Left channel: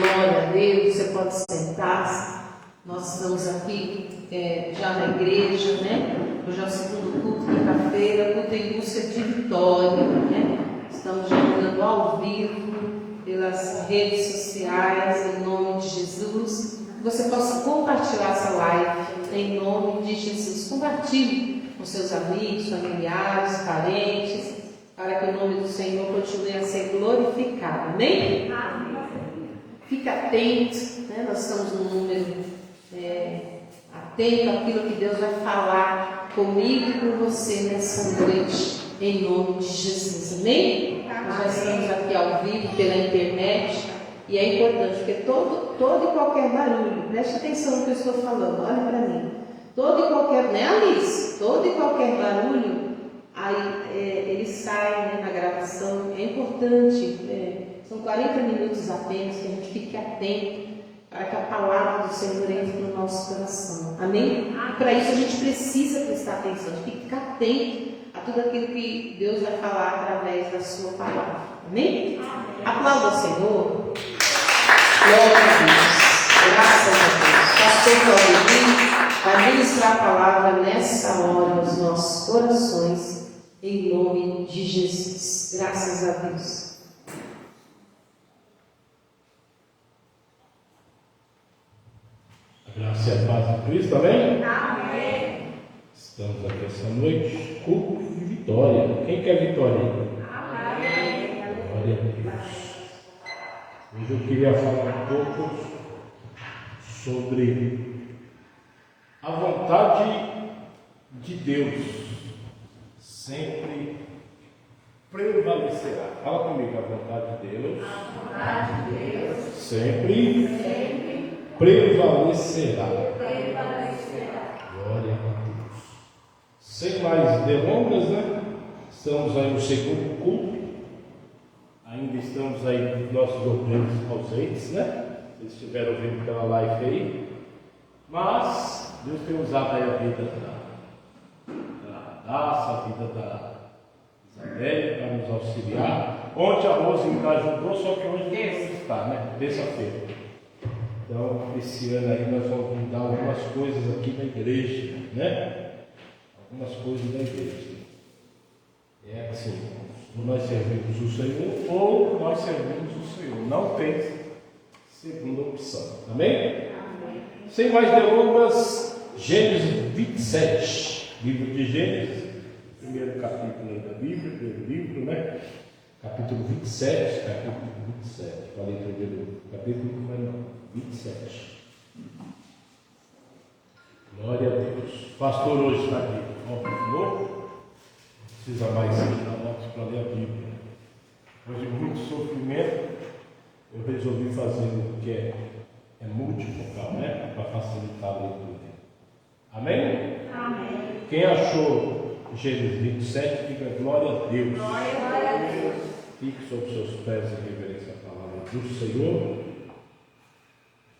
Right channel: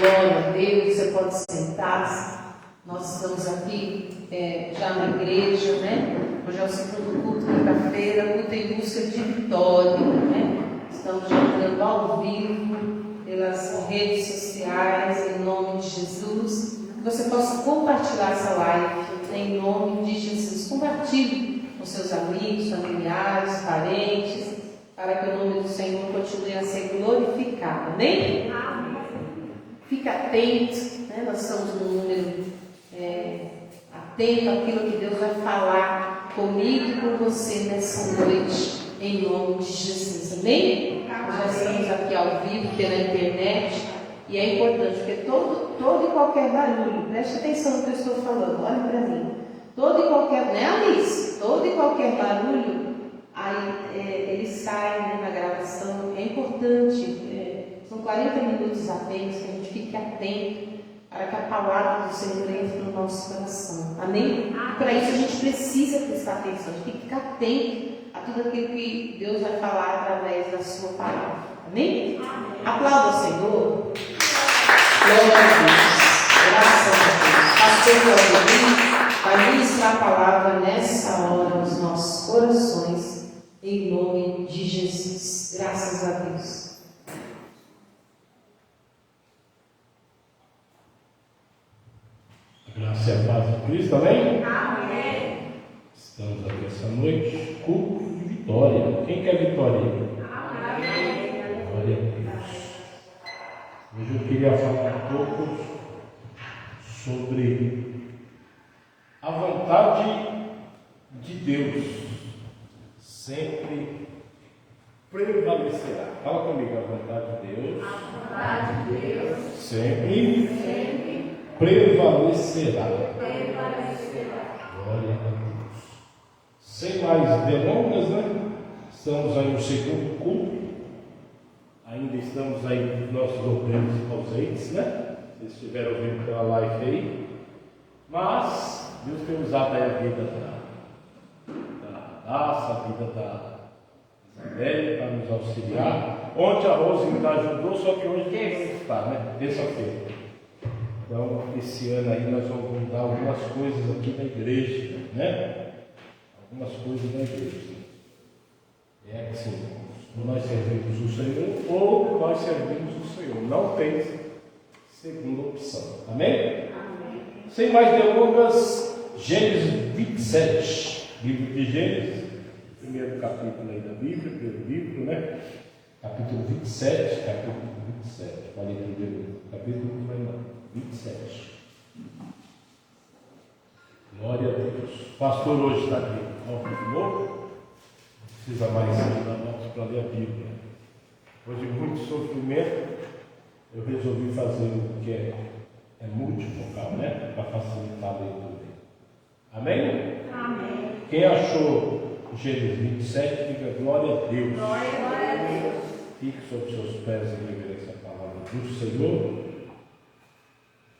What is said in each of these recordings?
Glória a Deus, você pode sentar-se. Nós estamos aqui já na igreja, né? Hoje é o segundo culto, quinta-feira, culto em busca de vitória, né? Estamos jogando ao vivo pelas redes sociais, em nome de Jesus. Que você possa compartilhar essa live em nome de Jesus. Compartilhe com seus amigos, familiares, parentes, para que o nome do Senhor continue a ser glorificado. Amém? Fique atento, né? Nós estamos num número atento àquilo que Deus vai falar comigo e com você nessa noite, em nome de Jesus. Amém? Nós já estamos aqui ao vivo pela internet e é importante, porque todo e qualquer barulho, preste atenção no que eu estou falando, olhe para mim. Todo e qualquer, né, Alice? Todo e qualquer barulho, aí ele sai, né, na gravação. É importante, são 40 minutos apenas, que a gente fique atento para que a palavra do Senhor entre no nosso coração. Amém? E para isso a gente precisa prestar atenção, a gente tem que ficar atento a tudo aquilo que Deus vai falar através da sua palavra. Amém? Aplauda o Senhor. Glória a Deus. Graças a Deus. Pastor Claudinho vai ministrar a palavra nessa hora nos nossos corações, em nome de Jesus. Graças a Deus. Graça e a paz de Cristo, amém? Amém. Estamos aqui essa noite, culto de vitória. Quem quer vitória? Amém. Glória a Deus. Hoje eu queria falar um pouco sobre a vontade de Deus sempre prevalecerá. Fala comigo, a vontade de Deus. A vontade de Deus Sempre prevalecerá. Glória a Deus. Sem mais delongas, né? Estamos aí no segundo culto. Ainda estamos aí nos nossos obreiros ausentes, né? Vocês estiveram ouvindo pela live aí. Mas Deus tem usado aí a vida da Daça, a vida da Isabelle para nos auxiliar. Ontem a Rosinha ajudou, só que hoje não está, né? Terça-feira. Então, esse ano aí nós vamos mudar algumas coisas aqui na igreja, né? Algumas coisas na igreja. É assim, ou nós servimos o Senhor, ou nós servimos o Senhor. Não tem segunda opção. Amém? Amém. Sem mais delongas, Gênesis 27. Livro de Gênesis, primeiro capítulo aí da Bíblia, primeiro livro, né? Capítulo 27, falei primeiro capítulo, mas não. 27. Glória a Deus. O pastor hoje está aqui de novo. Não precisa mais dar notas para ler a Bíblia. Depois de muito sofrimento, eu resolvi fazer o que é multifocal, né? Para facilitar a leitura. Amém? Amém. Quem achou Gênesis 27, diga glória a Deus. Glória a Deus. Fique sobre seus pés em reverência à palavra do Senhor.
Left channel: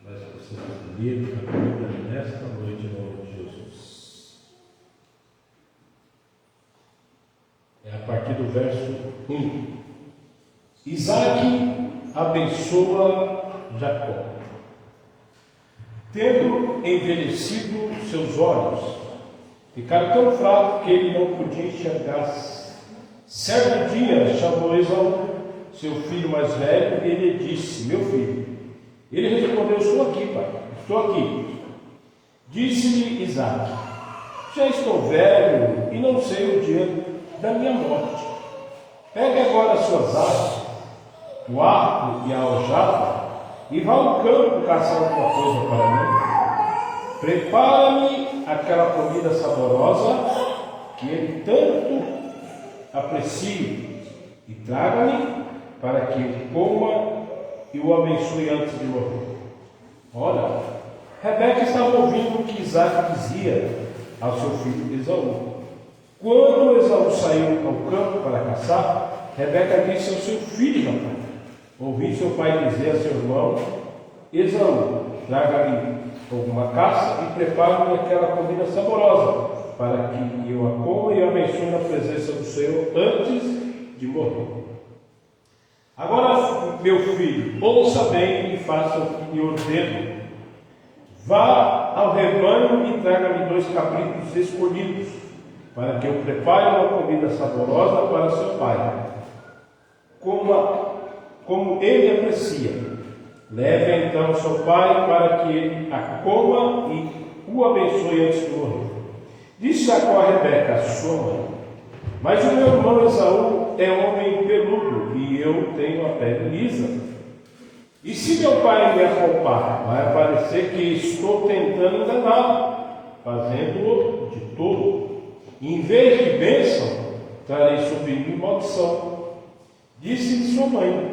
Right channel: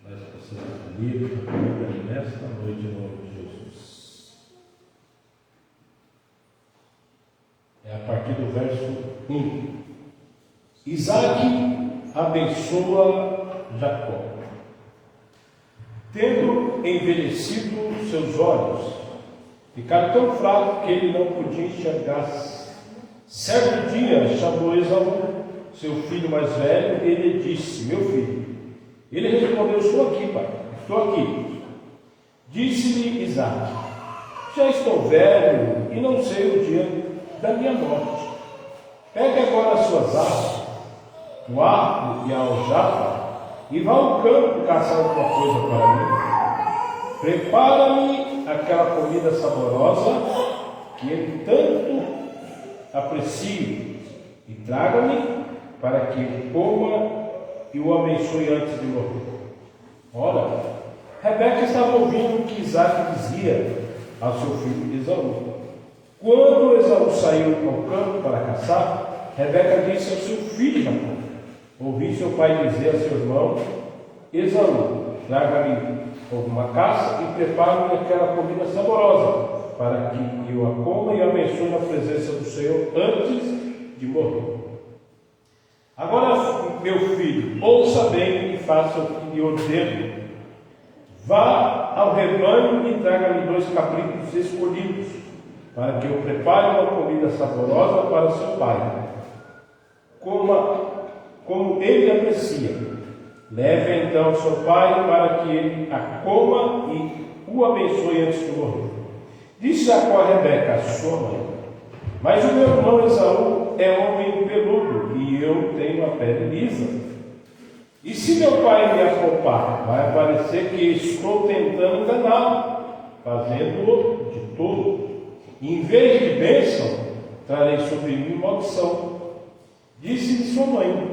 Mas você vai ler a Bíblia nesta noite em nome de Jesus. É a partir do verso 1. Isaac abençoa Jacó. Tendo envelhecido seus olhos, ficaram tão fracos que ele não podia enxergar. Certo dia chamou Esaú, seu filho mais velho, e lhe disse: meu filho. Ele respondeu: estou aqui, pai, estou aqui. Disse-lhe Isaac: já estou velho e não sei o dia da minha morte. Pegue agora as suas armas, o arco e a aljava, e vá ao campo caçar alguma coisa para mim. Prepara-me aquela comida saborosa que ele tanto aprecio, e traga-me para que eu coma e o abençoe antes de morrer. Ora, Rebeca estava ouvindo o que Isaac dizia ao seu filho Esaú. Quando Esaú saiu ao campo para caçar, Rebeca disse ao seu filho Jacó: ouvi seu pai dizer a seu irmão Esaú: traga-me alguma caça e prepare-me aquela comida saborosa, para que eu a coma e a abençoe na presença do Senhor antes de morrer. Agora, meu filho, ouça bem e faça o que lhe ordeno. Vá ao rebanho e traga-me 2 cabritos escolhidos, para que eu prepare uma comida saborosa para seu pai, como ele aprecia. Leve então ao seu pai para que ele a coma e o abençoe antes de morrer. Disse Jacó a Rebeca, sua mãe: mas o meu irmão Esaú é homem peludo e eu tenho a pele lisa. E se meu pai me apalpar, vai parecer que estou tentando enganá-lo, fazendo-o de tolo. Em vez de bênção, trarei sobre mim maldição. Disse-lhe sua mãe:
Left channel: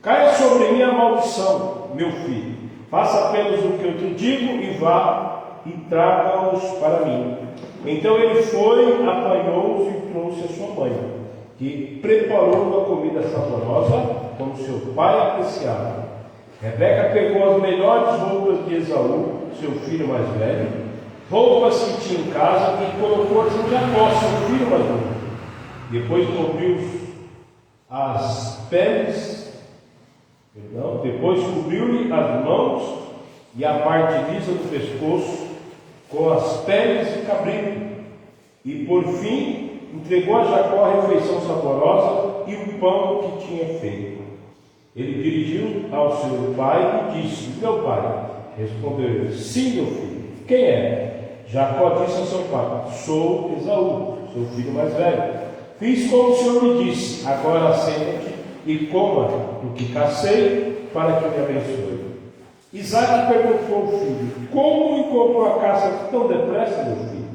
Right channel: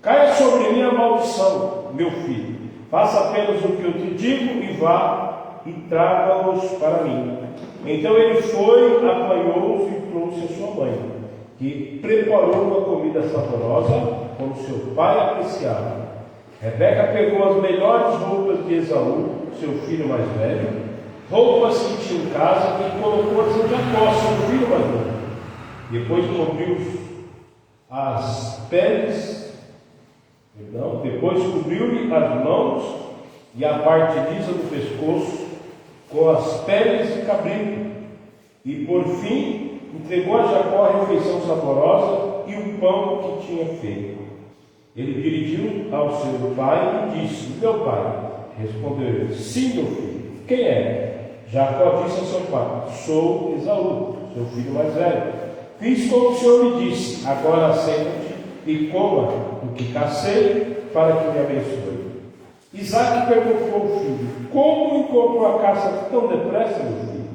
caia sobre mim a maldição, meu filho. Faça apenas o que eu te digo e vá e traga-os para mim. Então ele foi, apanhou-os e trouxe a sua mãe, que preparou uma comida saborosa, como seu pai apreciava. Rebeca pegou as melhores roupas de Esaú, seu filho mais velho, roupas que tinha em casa, e colocou-as em Jacó, seu filho mais novo. Depois cobriu as peles, depois cobriu-lhe as mãos e a parte lisa do pescoço com as peles de cabrito. E por fim entregou a Jacó a refeição saborosa e o pão que tinha feito. Ele dirigiu ao seu pai e disse: meu pai. Respondeu ele: sim, meu filho. Quem é? Jacó disse ao seu pai: sou Esaú, seu filho mais velho. Fiz como o Senhor me disse, agora senta-te e coma o que cacei, para que me abençoe. Isaac perguntou ao filho: como encontrou a caça tão depressa, meu filho?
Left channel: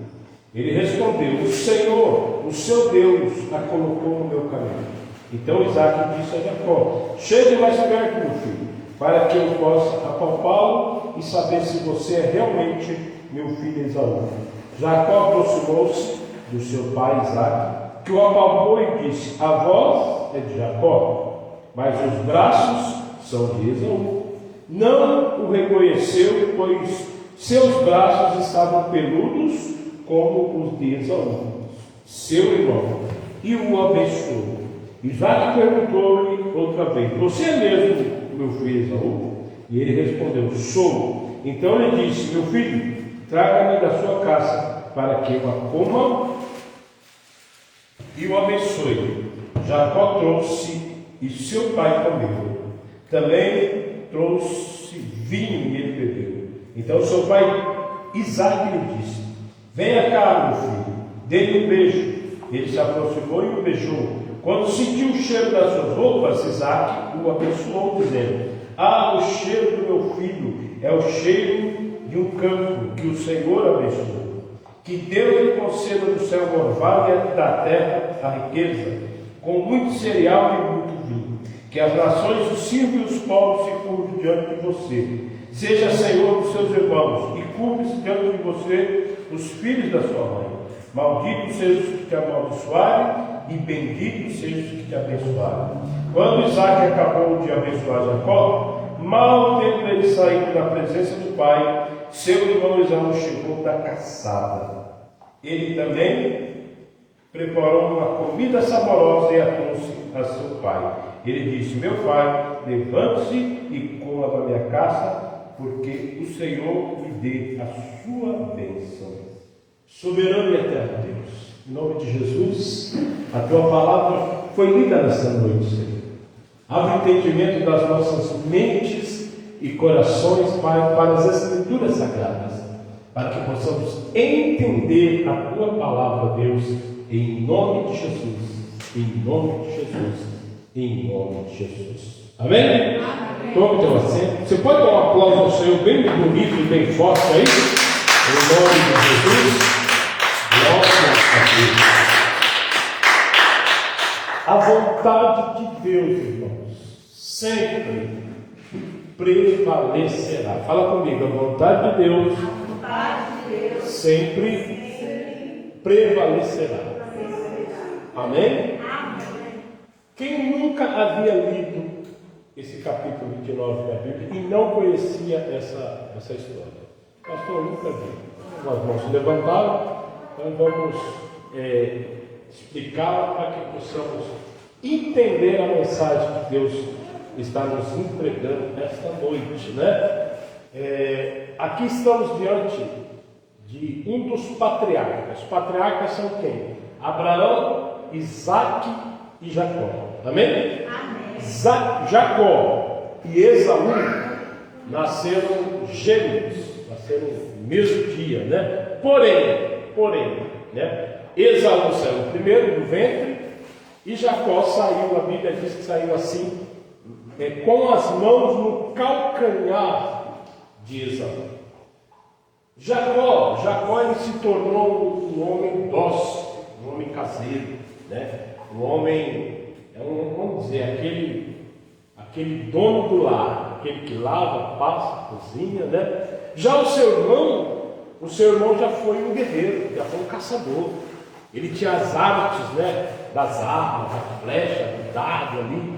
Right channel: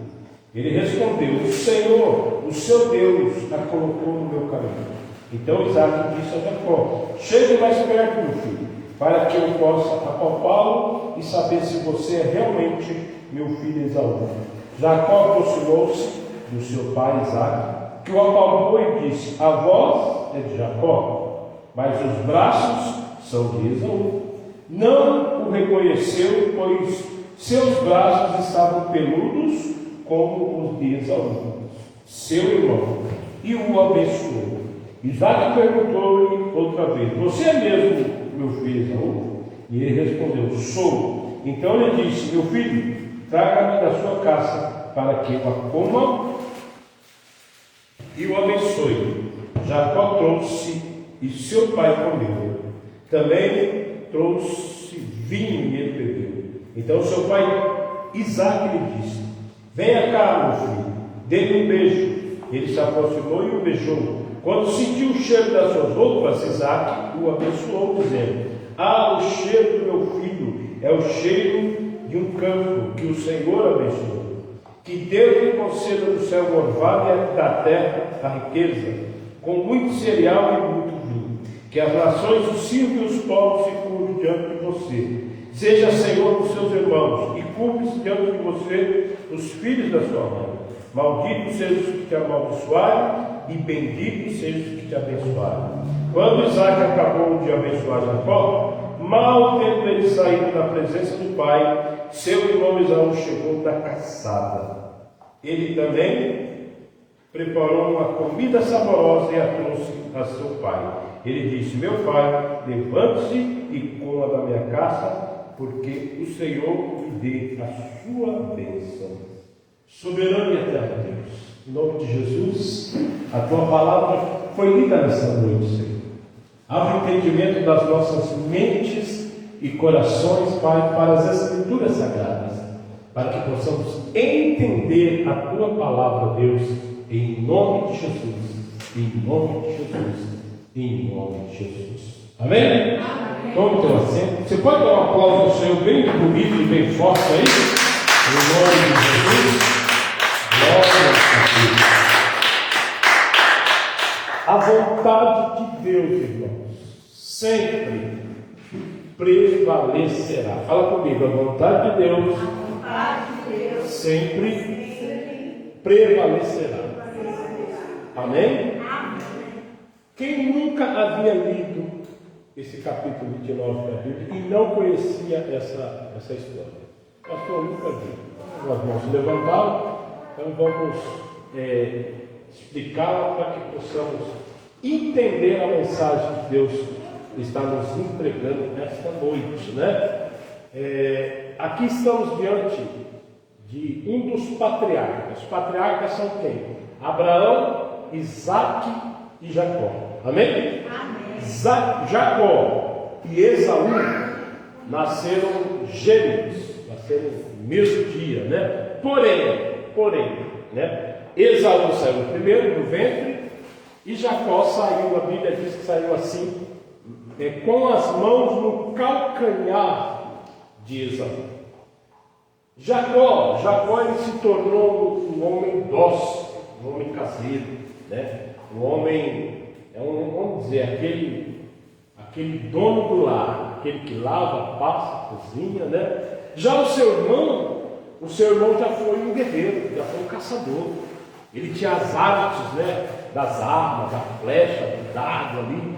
Ele respondeu: o Senhor, o seu Deus, a colocou no meu caminho. Então Isaac disse a Jacó: chegue mais perto, meu filho, para que eu possa apalpá-lo e saber se você é realmente meu filho Esaú. Jacó aproximou-se do seu pai Isaac, que o apalpou e disse: a voz é de Jacó, mas os braços são de Esaú. Não o reconheceu, pois seus braços estavam peludos como os de Esaú, seu irmão, e o abençoou. Isaac perguntou-lhe outra vez: você é mesmo meu filho Esaú? E ele respondeu: sou. Então ele disse: meu filho, traga-me da sua casa, para que eu a coma e o abençoe. Jacó trouxe e seu pai comeu. Também trouxe vinho e ele bebeu. Então seu pai Isaac lhe disse: venha cá, meu filho, dê-lhe um beijo. Ele se aproximou e o beijou. Quando sentiu o cheiro das suas roupas, Isaac o abençoou, dizendo: o cheiro do meu filho é o cheiro de um campo que o Senhor abençoou. Que Deus lhe conceda no céu o orvalho e da terra a riqueza, com muito cereal e muito vinho. Que as nações o sirvam e os povos se curvem diante de você. Seja Senhor dos seus irmãos, e curve-se diante de você os filhos da sua mãe. Malditos sejam os que te amaldiçoarem, e benditos sejam os que te abençoarem. Quando Isaac acabou de abençoar Jacó, mal tendo ele saído da presença do pai, seu irmão Esaú chegou da caçada. Ele também preparou uma comida saborosa e a trouxe a seu pai. Ele disse: meu pai, levante-se e coma da minha caça, porque o Senhor me dê a sua bênção. Soberano e eterno Deus, em nome de Jesus, a tua palavra foi lida nessa noite, Senhor. Abra o entendimento das nossas mentes e corações, Pai, para as Escrituras Sagradas, para que possamos entender a tua palavra, Deus, em nome de Jesus, em nome de Jesus, em nome de Jesus. Amém? Amém. Tome teu assento. Você pode dar um aplauso ao Senhor bem bonito e bem forte aí? Em nome de Jesus. Glória a Deus. A vontade de Deus, irmãos, sempre prevalecerá. Fala comigo: a vontade de Deus, sempre prevalecerá. Amém? Quem nunca havia lido esse capítulo 29 da Bíblia e não conhecia essa história? Pastor, eu nunca vi. Nós vamos se levantar, então vamos explicar para que possamos entender a mensagem que Deus está nos entregando nesta noite, né? Aqui estamos diante de um dos patriarcas. Os patriarcas são quem? Abraão, Isaque e Jacó. Amém? Amém. Jacó e Esaú nasceram gêmeos, nasceram no mesmo dia, né? Porém, né? Esaú saiu primeiro do ventre e Jacó saiu, a Bíblia diz que saiu assim, com as mãos no calcanhar de Esaú. Jacó ele se tornou um homem dócil, um homem caseiro, né? Um homem, vamos dizer, aquele dono do lar, aquele que lava, passa, cozinha, né? Já o seu irmão já foi um guerreiro, já foi um caçador. Ele tinha as artes, né? Das armas, da flecha, do dardo ali,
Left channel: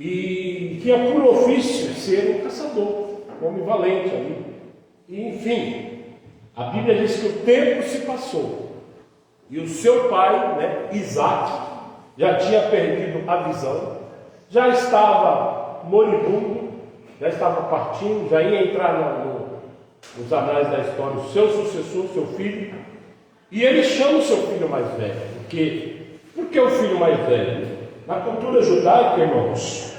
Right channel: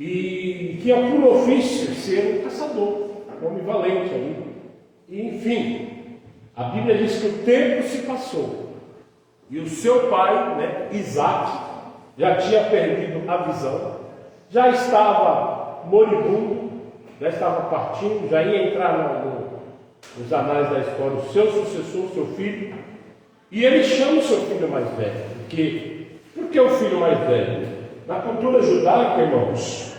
e tinha por ofício ser um caçador, um homem valente ali. E, enfim, a Bíblia diz que o tempo se passou e o seu pai, né, Isaque, já tinha perdido a visão, já estava moribundo, já estava partindo, já ia entrar nos anais da história o seu sucessor, seu filho, e ele chama o seu filho mais velho. Por que o filho mais velho? Na cultura judaica, irmãos,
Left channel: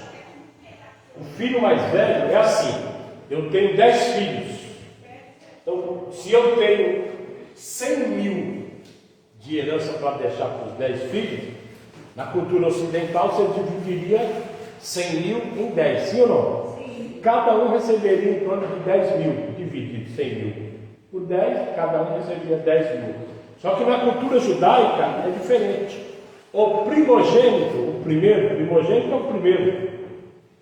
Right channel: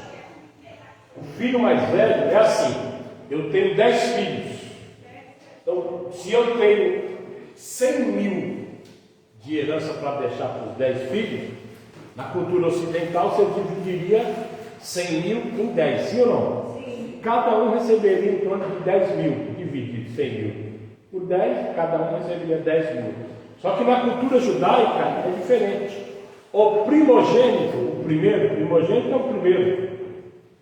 o filho mais velho é assim: eu tenho 10 filhos. Então, se eu tenho 100 mil de herança para deixar para os 10 filhos, na cultura ocidental você dividiria 100 mil em 10, sim ou não? Sim. Cada um receberia em torno de 10 mil, dividido 100 mil por 10, cada um receberia 10 mil. Só que na cultura judaica é diferente. O primogênito é o primeiro.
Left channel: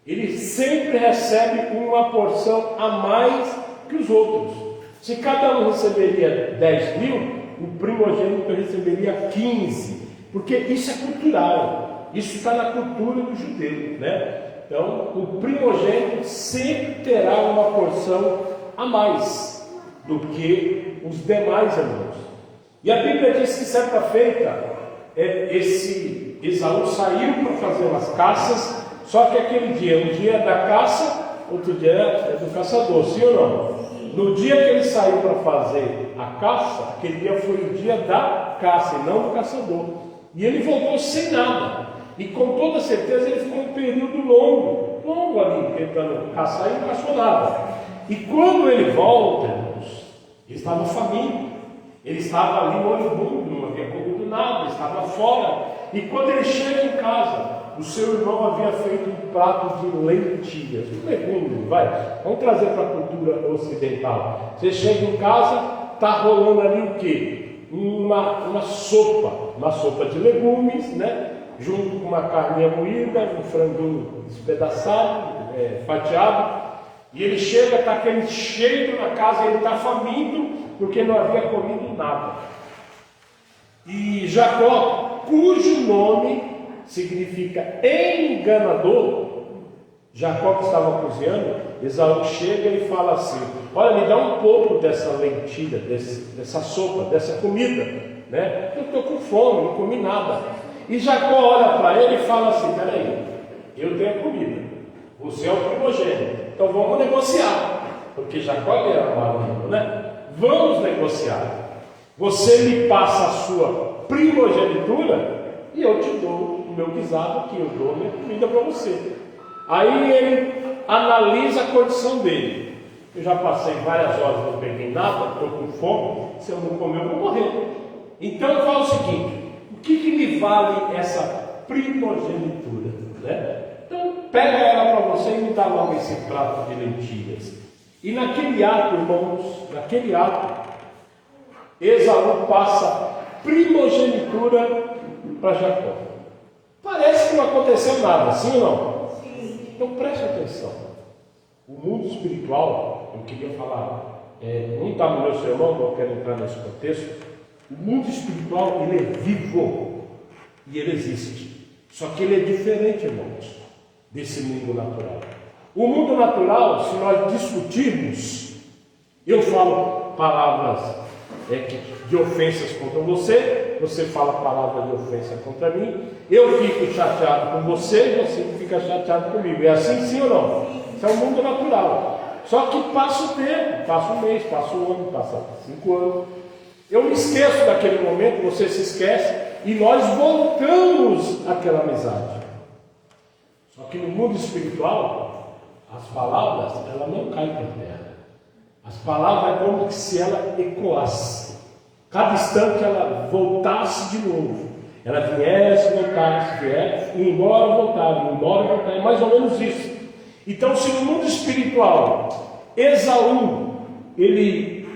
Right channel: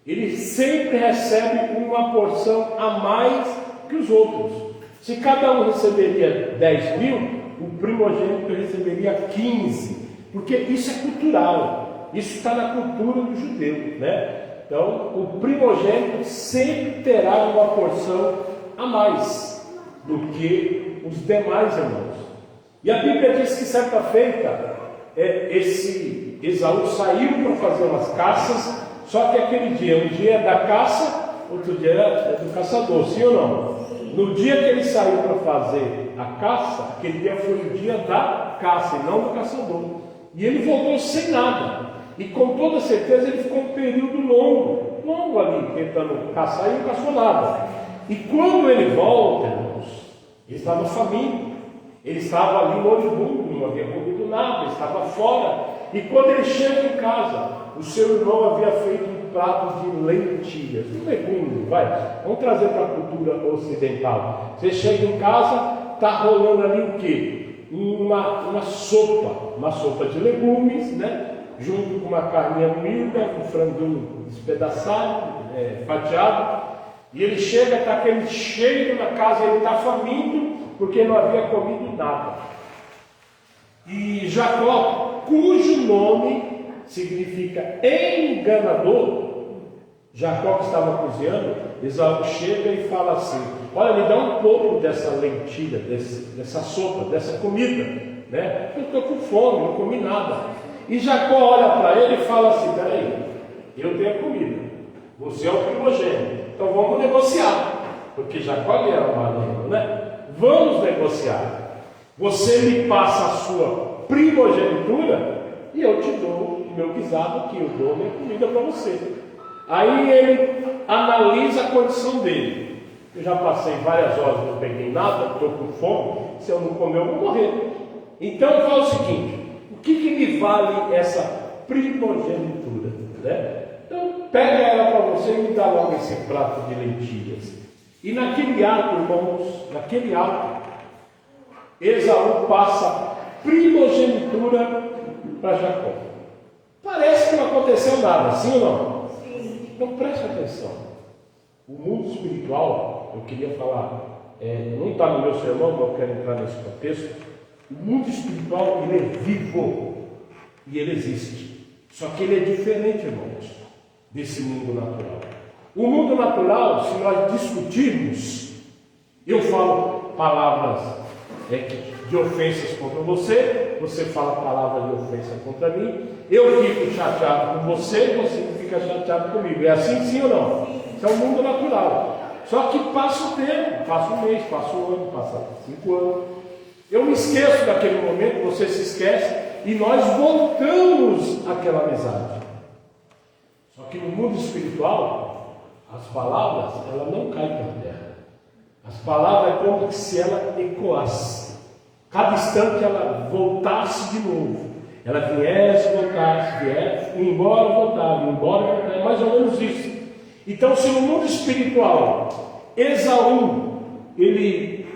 Ele sempre recebe uma porção a mais que os outros. Se cada um receberia 10 mil, o primogênito receberia 15, porque isso é cultural, isso está na cultura do judeu, né? Então, o primogênito sempre terá uma porção a mais do que os demais irmãos. E a Bíblia diz que certa feita, esse Esaú saiu para fazer umas caças, só que aquele dia, um dia é da caça, outro dia é do caçador, sim ou não? No dia que ele saiu para fazer a caça, aquele dia foi o dia da caça e não do caçador. E ele voltou sem nada. E com toda certeza ele ficou um período longo ali, tentando caçar e não caçou nada. E quando ele volta, irmãos, ele estava faminto. Ele estava ali moribundo, não havia comido nada, estava fora. E quando ele chega em casa, o seu irmão havia feito um prato de lentilhas, um legume, vamos trazer para a cultura ocidental. Você chega em casa, está rolando ali o quê? Uma sopa de legumes, né? Junto com uma carninha moída, um franguinho despedaçado, fatiado. E ele chega, está aquele cheiro na casa, ele está faminto, porque não havia comido nada. E Jacó, cujo nome significa enganador, Jacó que estava cozinhando, Esaú chega e fala assim: olha, me dá um pouco dessa lentilha, dessa sopa, dessa comida, né? Eu estou com fome, não comi nada. E Jacó olha para ele e fala assim: peraí, eu tenho a comida, você é o primogênito, então vamos negociar, porque Jacó era malandro, né? Vamos negociar. Você me passa a sua primogenitura e eu te dou o meu guisado aqui, eu dou a minha comida para você. Aí ele analisa a condição dele. Eu já passei várias horas, não peguei nada, estou com fome, se eu não comer eu vou morrer. Então fala o seguinte: o que me vale essa primogenitura, né? Então pega ela para você e me dá logo esse prato de lentilhas. E naquele ato, irmãos, Esaú passa primogenitura para Jacó. Parece que não aconteceu nada, sim ou não? Sim. Então preste atenção. O mundo espiritual, eu queria falar, não está no meu sermão, mas eu quero entrar nesse contexto. O mundo espiritual, ele é vivo e ele existe. Só que ele é diferente, irmãos, desse mundo natural. O mundo natural, se nós discutirmos, eu falo palavras de ofensas contra você, você fala palavra de ofensa contra mim, eu fico chateado com você e você fica chateado comigo. É assim, sim ou não? Isso é o mundo natural. Só que passa o tempo, passa um mês, passa um ano, passa 5 anos. Eu me esqueço daquele momento, você se esquece, e nós voltamos àquela amizade. Só que no mundo espiritual, as palavras, ela não caem por terra. As palavras é como se ela ecoasse. Cada instante ela voltasse de novo. Ela viesse, voltasse, viesse, ia embora, voltava, ia embora, voltava. É mais ou menos isso. Então, se no mundo espiritual, Esaú, ele,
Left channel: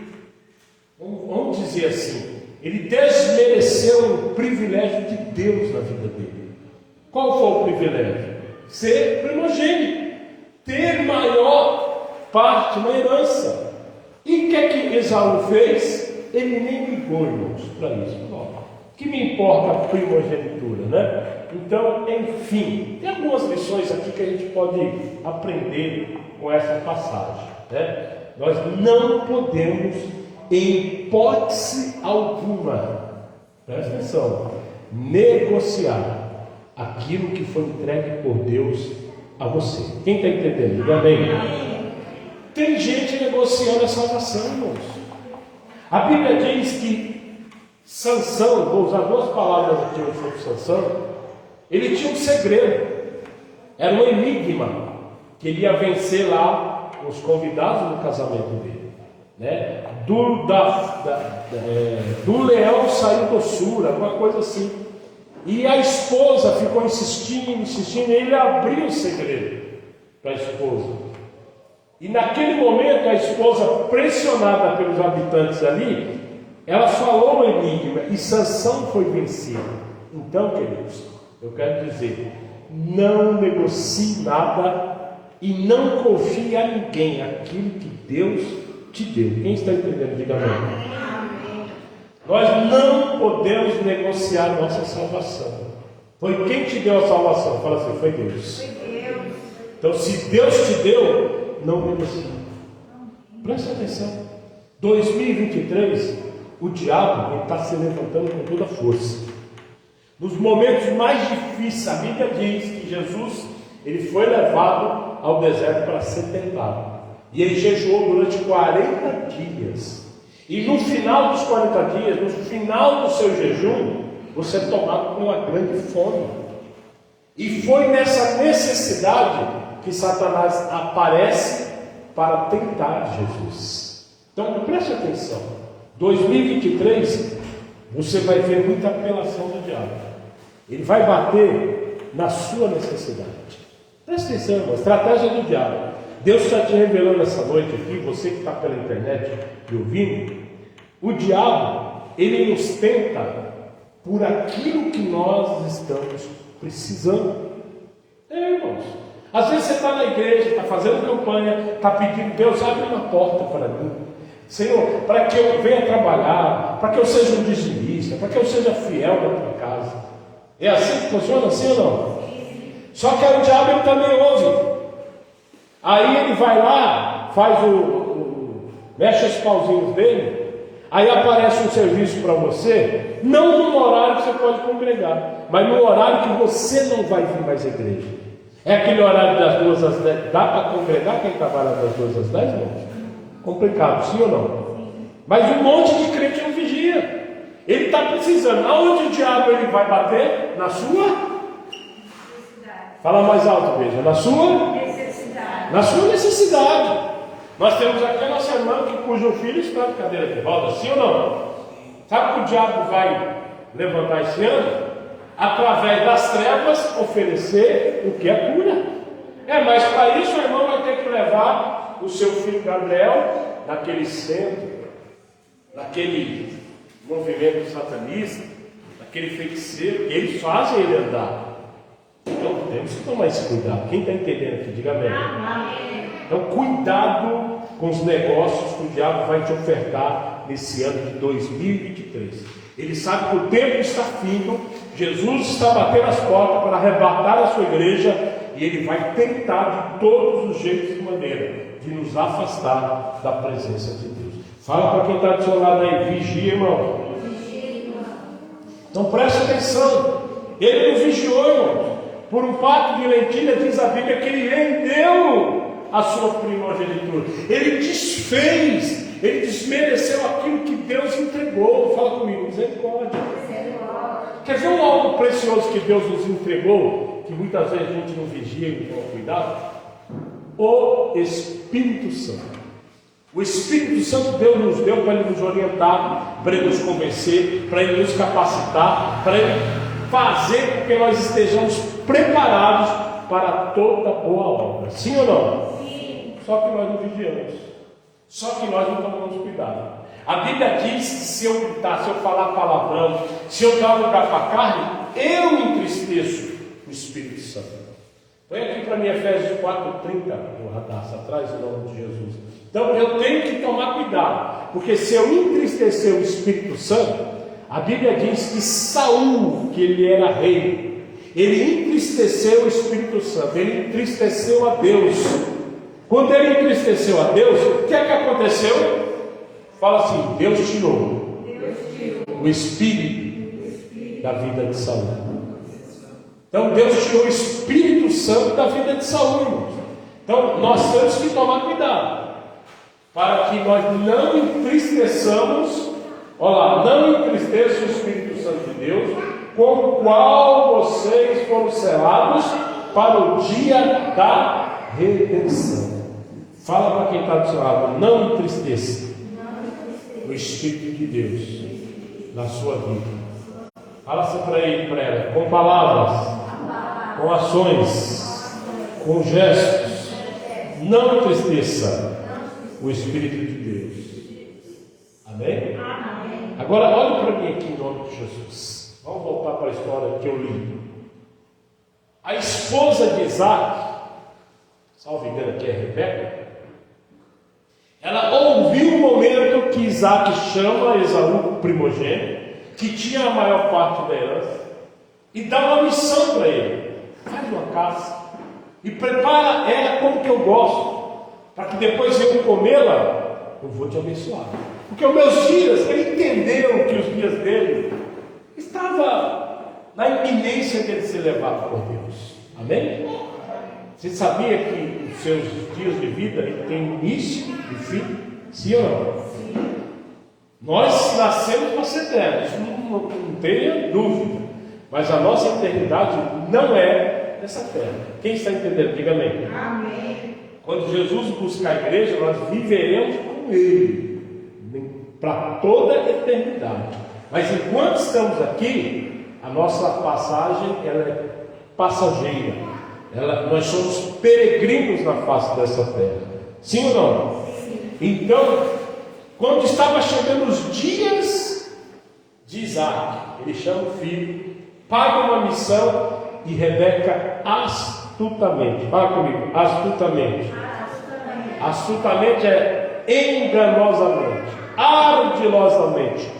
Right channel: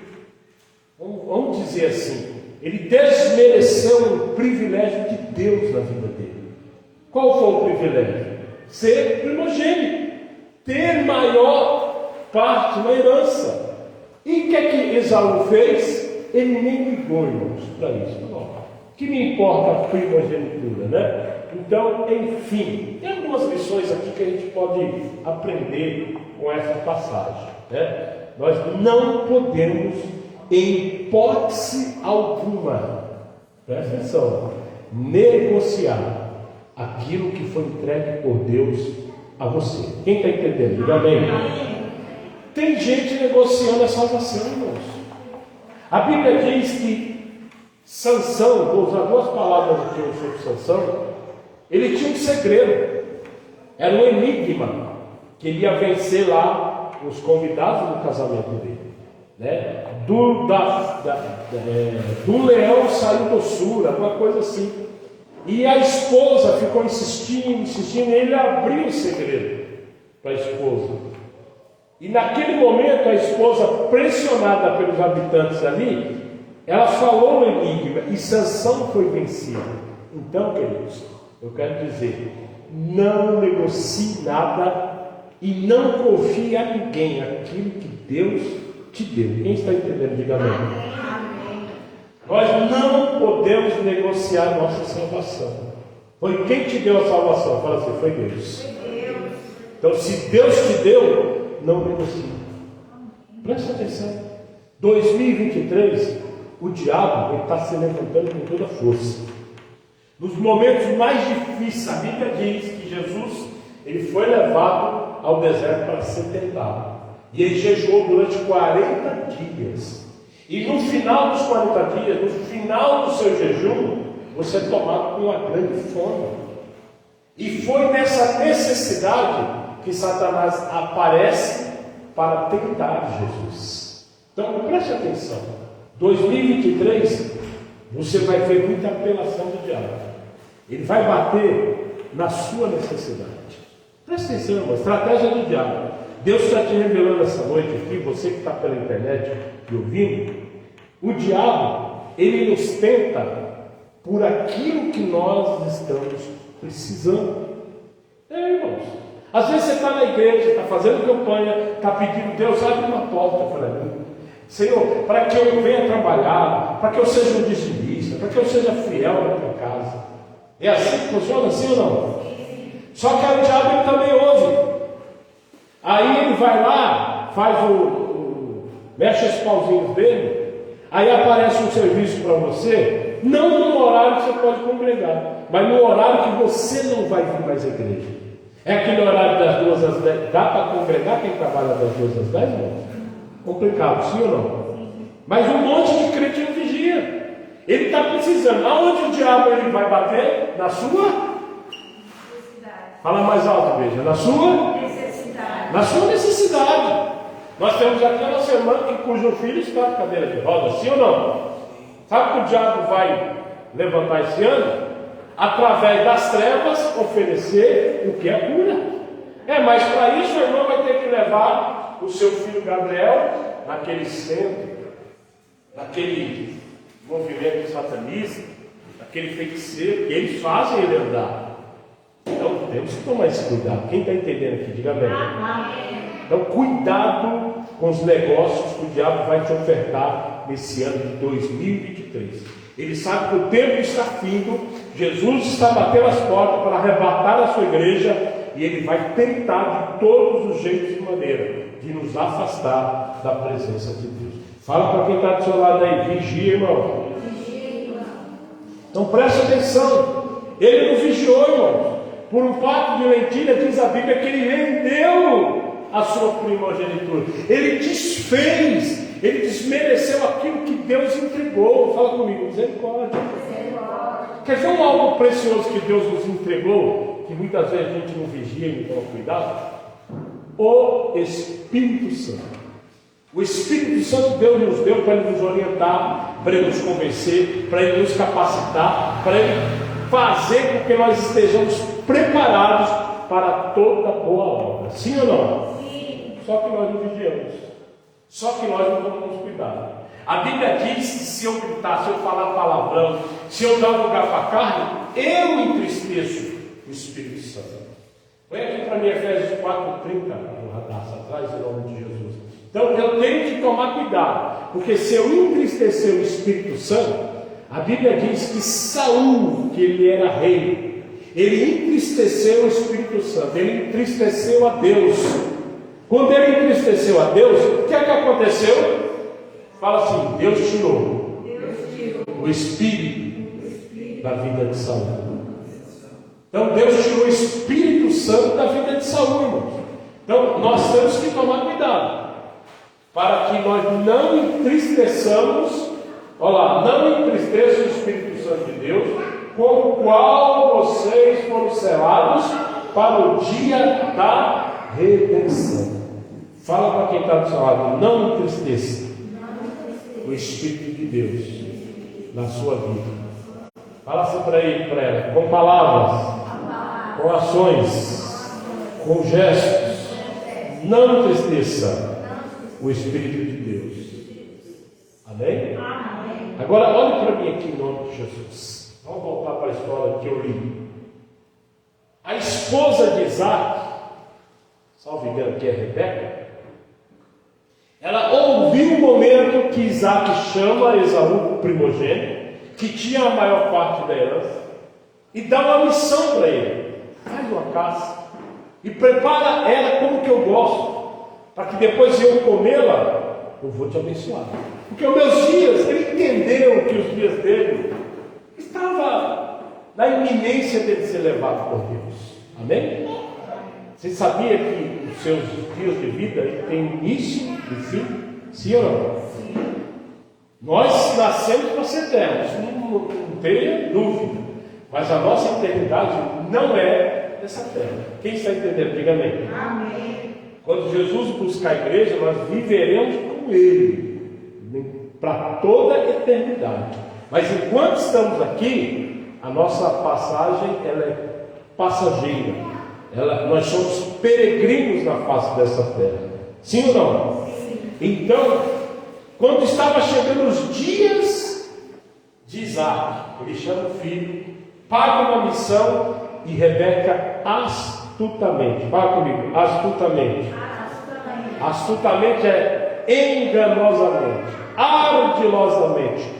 vamos dizer assim, ele desmereceu um privilégio de Deus na vida dele. Qual foi o privilégio? Ser primogênito, ter maior parte na herança. E o que é que Esaú fez? Ele nem ligou, irmãos, para isso. Não. Que me importa a primogenitura, né? Então, enfim, tem algumas lições aqui que a gente pode aprender com essa passagem, né? Nós não podemos, em hipótese alguma, presta atenção, negociar aquilo que foi entregue por Deus a você. Quem está entendendo? Diga amém. Tem gente negociando a salvação, irmãos. A Bíblia diz que Sansão, vou usar 2 palavras aqui sobre Sansão, ele tinha um segredo, era um enigma, que ele ia vencer lá os convidados no casamento dele, né? Do leão saiu doçura, uma coisa assim. E a esposa ficou insistindo, e ele abriu o segredo para a esposa. E naquele momento a esposa, pressionada pelos habitantes ali, ela falou o enigma e Sansão foi vencido. Então, queridos, eu quero dizer, não negocie nada e não confie a ninguém aquilo que Deus te deu. Quem está entendendo? Diga amém. Nós não podemos negociar a nossa salvação. Foi quem te deu a salvação? Fala assim, foi Deus. Então, se Deus te deu, não negocie. Presta atenção. 2023, o diabo está se levantando com toda a força. Nos momentos mais difíceis, a Bíblia diz que Jesus ele foi levado ao deserto para ser tentado. E ele jejuou durante 40 dias. E no final dos 40 dias, no final do seu jejum, você é tomado com uma grande fome. E foi nessa necessidade que Satanás aparece para tentar Jesus. Então preste atenção. 2023, você vai ver muita apelação do diabo. Ele vai bater na sua necessidade. Preste atenção, irmão, estratégia do diabo. Deus está te revelando essa noite aqui, você que está pela internet e ouvindo, o diabo, ele nos tenta por aquilo que nós estamos precisando. Irmãos, às vezes você está na igreja, está fazendo campanha, está pedindo, Deus, abre uma porta para mim. Senhor, para que eu venha trabalhar, para que eu seja um dizimista, para que eu seja fiel na tua casa. É assim que funciona, assim ou não? Só que o diabo ele também ouve. Aí ele vai lá, faz mexe os pauzinhos dele, aí aparece um serviço para você, não no horário que você pode congregar, mas no horário que você não vai vir mais à igreja. É aquele horário das 2 às 10. Dá para congregar quem trabalha das 2 às 10, irmãos? Complicado, sim ou não? Mas um monte de crente não vigia. Ele está precisando. Aonde o diabo ele vai bater? Na sua necessidade. Fala mais alto, veja. Na sua necessidade. Na sua necessidade. Nós temos aqui a nossa irmã cujo filho está de cadeira de rodas, sim ou não? Sabe que o diabo vai levantar esse ano? Através das trevas oferecer o que é cura. Mas para isso o irmão vai ter que levar o seu filho Gabriel naquele centro, naquele movimento satanista, naquele feiticeiro, que eles fazem ele andar. Então temos que tomar esse cuidado. Quem está entendendo aqui, diga amém. Então cuidado com os negócios que o diabo vai te ofertar nesse ano de 2023. Ele sabe que o tempo está findo, Jesus está batendo as portas para arrebatar a sua igreja, e ele vai tentar de todos os jeitos e maneira de nos afastar da presença de Deus. Fala para quem está do seu lado aí, vigia, irmão. Então preste atenção. Ele nos vigiou, irmão. Por um prato de lentilha, diz a Bíblia que ele rendeu a sua primogenitura. Ele desfez, ele desmereceu aquilo que Deus entregou. Fala comigo, misericórdia. Quer ver algo precioso que Deus nos entregou, que muitas vezes a gente não vigia e não toma cuidado? O Espírito Santo. O Espírito Santo Deus nos deu para Ele nos orientar, para Ele nos convencer, para Ele nos capacitar, para Ele fazer com que nós estejamos preparados para toda boa obra. Sim ou não? Sim. Só que nós não vigiamos. Só que nós não tomamos cuidado. A Bíblia diz que se eu gritar, se eu falar palavrão, se eu dar lugar para a carne, eu entristeço o Espírito Santo. Põe aqui para mim Efésios 4:30, no radar, atrás do nome de Jesus. Então eu tenho que tomar cuidado, porque se eu entristecer o Espírito Santo, a Bíblia diz que Saul, que ele era rei, ele entristeceu o Espírito Santo, ele entristeceu a Deus. Quando ele entristeceu a Deus, o que é que aconteceu? Fala assim, Deus tirou o Espírito da vida de Saul. Então Deus tirou o Espírito Santo da vida de Saul, irmãos. Então nós temos que tomar cuidado, para que nós não entristeçamos, olha lá, não entristeça o Espírito Santo de Deus, com o qual vocês foram selados para o dia da redenção. Fala para quem está do seu lado, não entristeça o Espírito de Deus na sua vida. Fala assim para ele, para ela, com palavras, com ações, com gestos. Não entristeça o Espírito de Deus. Amém? Agora olhe para mim aqui em nome de Jesus. Vamos voltar para a história que eu li. A esposa de Isaac, salvo engano aqui é Rebeca, ela ouviu o momento que Isaac chama Esaú, o primogênito, que tinha a maior parte da herança, e dá uma missão para ele: faz uma caça e prepara ela como que eu gosto, para que depois eu comê-la, eu vou te abençoar. Porque os meus dias, ele entendeu que os dias dele estava na iminência de ser levado por Deus. Amém? Você sabia que os seus dias de vida têm início e fim? Sim ou não? Sim. Nós nascemos para ser eternos, não tenha dúvida. Mas a nossa eternidade não é nessa terra. Quem está entendendo? Diga amém. Amém. Quando Jesus buscar a igreja, nós viveremos com Ele para toda a eternidade. Mas enquanto estamos aqui, a nossa passagem ela é passageira. Nós somos peregrinos na face dessa terra. Sim ou não? Sim. Então, quando estava chegando os dias de Isaac, ele chama o filho, paga uma missão, e Rebeca astutamente, fala comigo, astutamente. Astutamente é enganosamente, ardilosamente,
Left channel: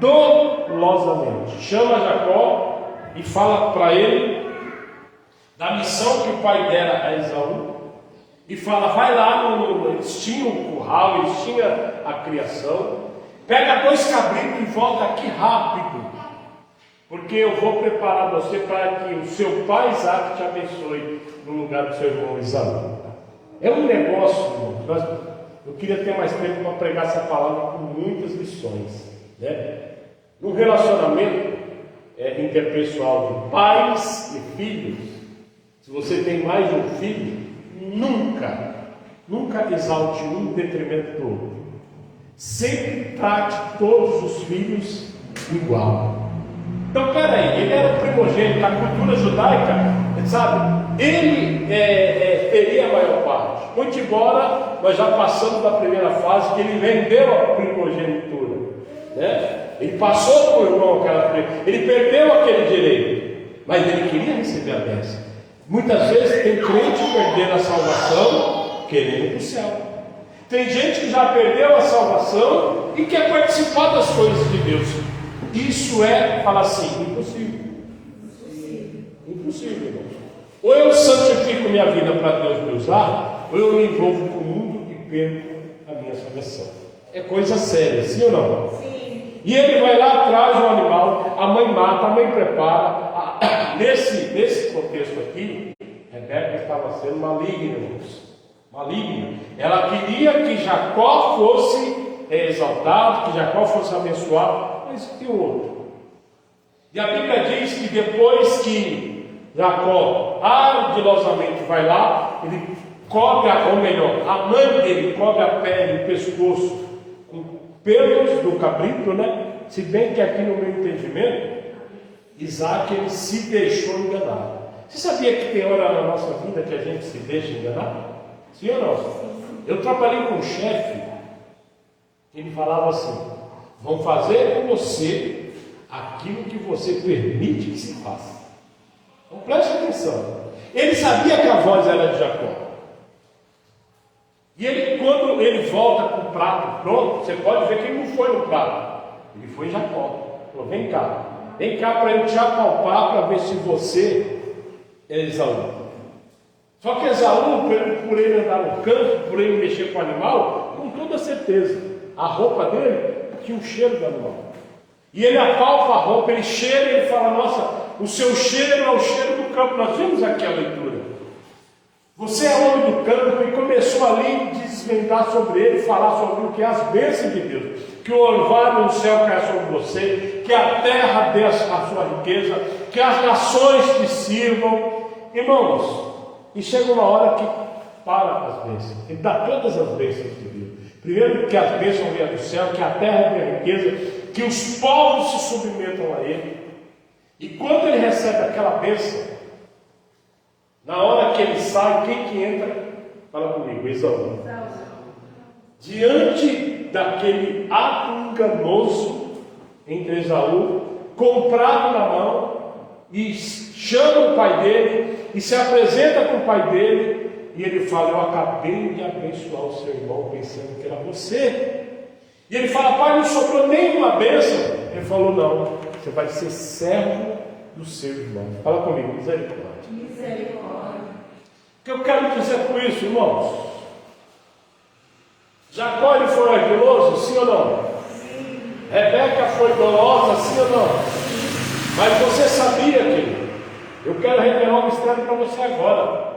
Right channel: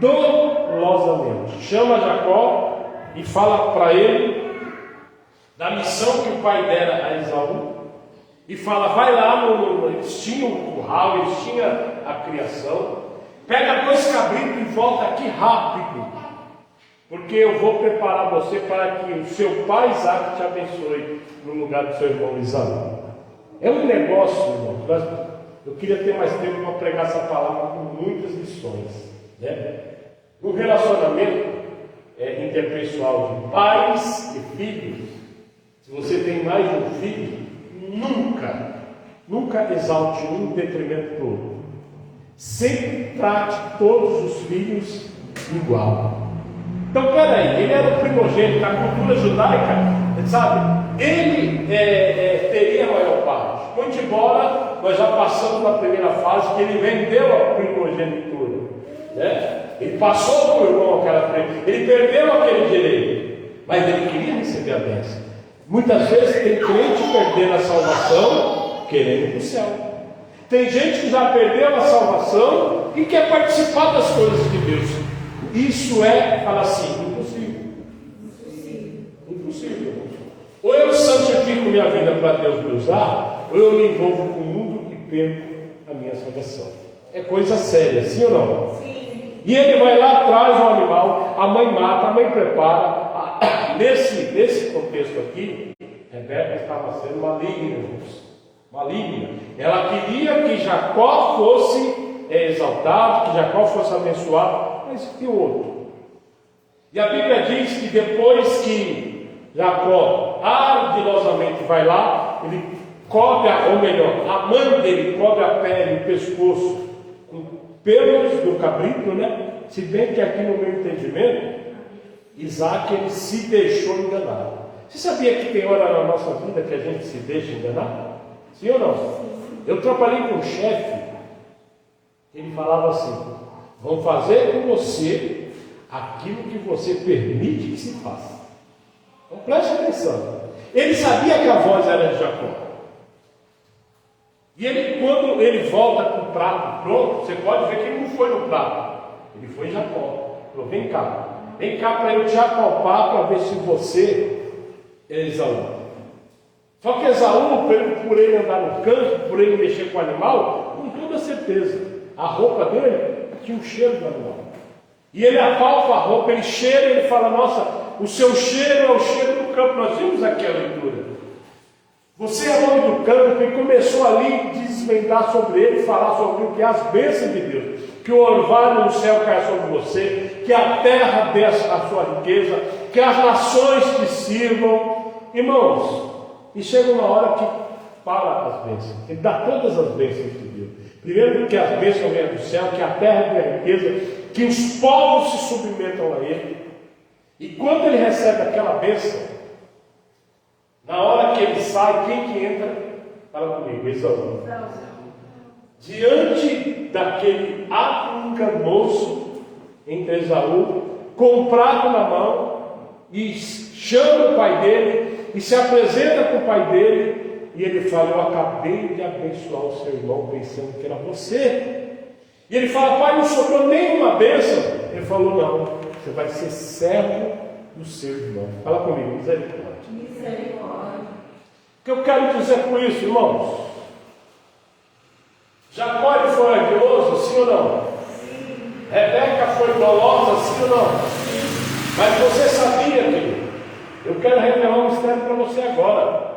dolosamente. Chama Jacó e fala para ele da missão que o pai dera a Esaú, e fala, vai lá, eles tinham o curral, eles tinham a criação, pega 2 cabritos e volta aqui rápido, porque eu vou preparar você para que o seu pai Isaac te abençoe no lugar do seu irmão Esaú. É um negócio, irmão. Eu queria ter mais tempo para pregar essa palavra com muitas lições, né? No relacionamento interpessoal de pais e filhos, se você tem mais de um filho, nunca exalte um em detrimento do outro. Sempre trate todos os filhos igual. Então, peraí, ele era o primogênito da cultura judaica, sabe? Ele teria a maior parte. Muito embora nós já passamos da primeira fase que ele vendeu a primogenitura, né? Ele passou por irmão ele perdeu aquele direito, mas ele queria receber a bênção. Muitas vezes tem crente perdendo a salvação querendo ir para o céu. Tem gente que já perdeu a salvação e quer participar das coisas de Deus. Isso fala assim, impossível. Impossível. Ou eu santifico minha vida para Deus me usar, ou eu me envolvo com o mundo e perco a minha salvação. É coisa séria, sim ou não? Sim. E ele vai lá, traz o animal, a mãe mata, a mãe prepara. Nesse contexto aqui, Rebeca estava sendo maligna, irmãos. Maligna. Ela queria que Jacó fosse exaltado, que Jacó fosse abençoado, mas e o outro? E a Bíblia diz que depois que Jacó ardilosamente vai lá, ele cobre, ou melhor, a mãe dele cobre a pele e o pescoço com pelos do cabrito, né? Se bem que aqui no meu entendimento, Isaac ele se deixou enganar. Você sabia que tem hora na nossa vida que a gente se deixa enganar? Sim ou não? Eu trabalhei com um chefe, ele falava assim: vão fazer com você aquilo que você permite que se faça. Então preste atenção. Ele sabia que a voz era de Jacó. E ele, quando ele volta com o prato pronto, você pode ver que ele não foi no prato, ele foi em Jacó. Falou: vem cá para eu te apalpar para ver se você é Esaú. Só que Esaú, por ele andar no campo, por ele mexer com o animal, com toda certeza, a roupa dele tinha um cheiro do animal. E ele apalpa a roupa, ele cheira e ele fala: nossa, o seu cheiro é o cheiro do campo. Nós vimos aqui a leitura. Você é homem do campo, e começou ali a desvendar sobre ele, falar sobre o que é as bênçãos de Deus, que o orvalho no céu cai sobre você, que a terra dê a sua riqueza, que as nações te sirvam. Irmãos, e chega uma hora que para as bênçãos, ele dá todas as bênçãos de Deus. Primeiro, que as bênçãos venham do céu, que a terra dê a riqueza, que os povos se submetam a ele. E quando ele recebe aquela bênção, na hora que ele sai, quem que entra? Fala comigo, Esaú. Diante daquele ato enganoso entre Esaú, comprado na mão, e chama o pai dele, e se apresenta com o pai dele, e ele fala: eu acabei de abençoar o seu irmão pensando que era você. E ele fala: pai, não sobrou nenhuma bênção. Ele falou: não, você vai ser servo do seu irmão. Fala comigo, misericórdia. O que eu quero dizer com isso, irmãos? Jacó ele foi ardiloso, sim ou não? Sim. Rebeca foi dolosa, sim ou não? Sim. Mas você sabia, querido? Eu quero revelar um mistério para você agora.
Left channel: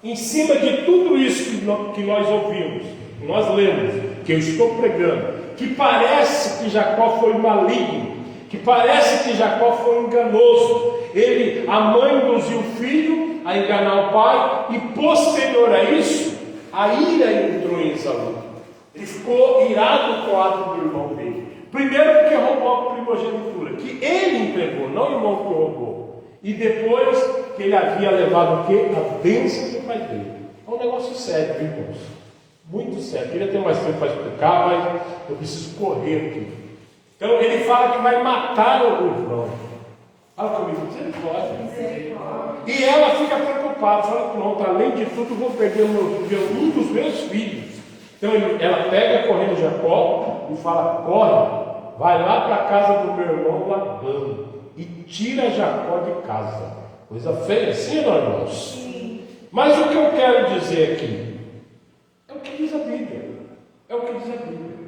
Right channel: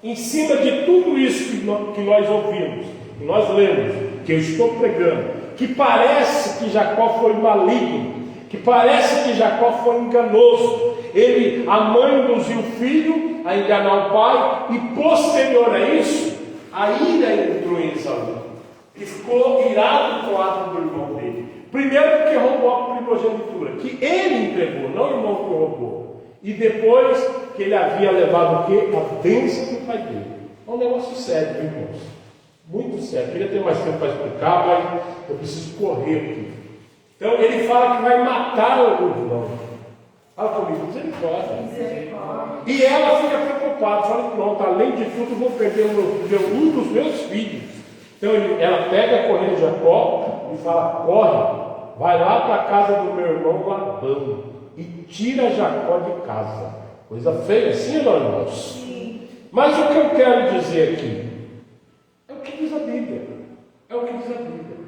Em cima de tudo isso que nós ouvimos, que nós lemos, que eu estou pregando, que parece que Jacó foi maligno, que parece que Jacó foi enganoso. A mãe induziu o filho a enganar o pai, e posterior a isso, a ira entrou em Esaú. Ele ficou irado com o ato do irmão dele. Primeiro porque roubou a primogenitura, que ele entregou, não o irmão que roubou. E depois que ele havia levado o quê? A bênção do pai dele. É um negócio sério, irmãos. Muito sério. Eu queria ter mais tempo para explicar, mas eu preciso correr aqui. Então ele fala que vai matar o irmão. Fala comigo, misericórdia. E ela fica preocupada, fala: pronto, além de tudo vou perder um dos meus filhos. Então ela pega correndo Jacó e fala: corre, vai lá para a casa do meu irmão Labão e tira Jacó de casa. Coisa feia, sim ou não, irmãos? Sim. Mas o que eu quero dizer aqui é o que diz a Bíblia. É o que diz a Bíblia.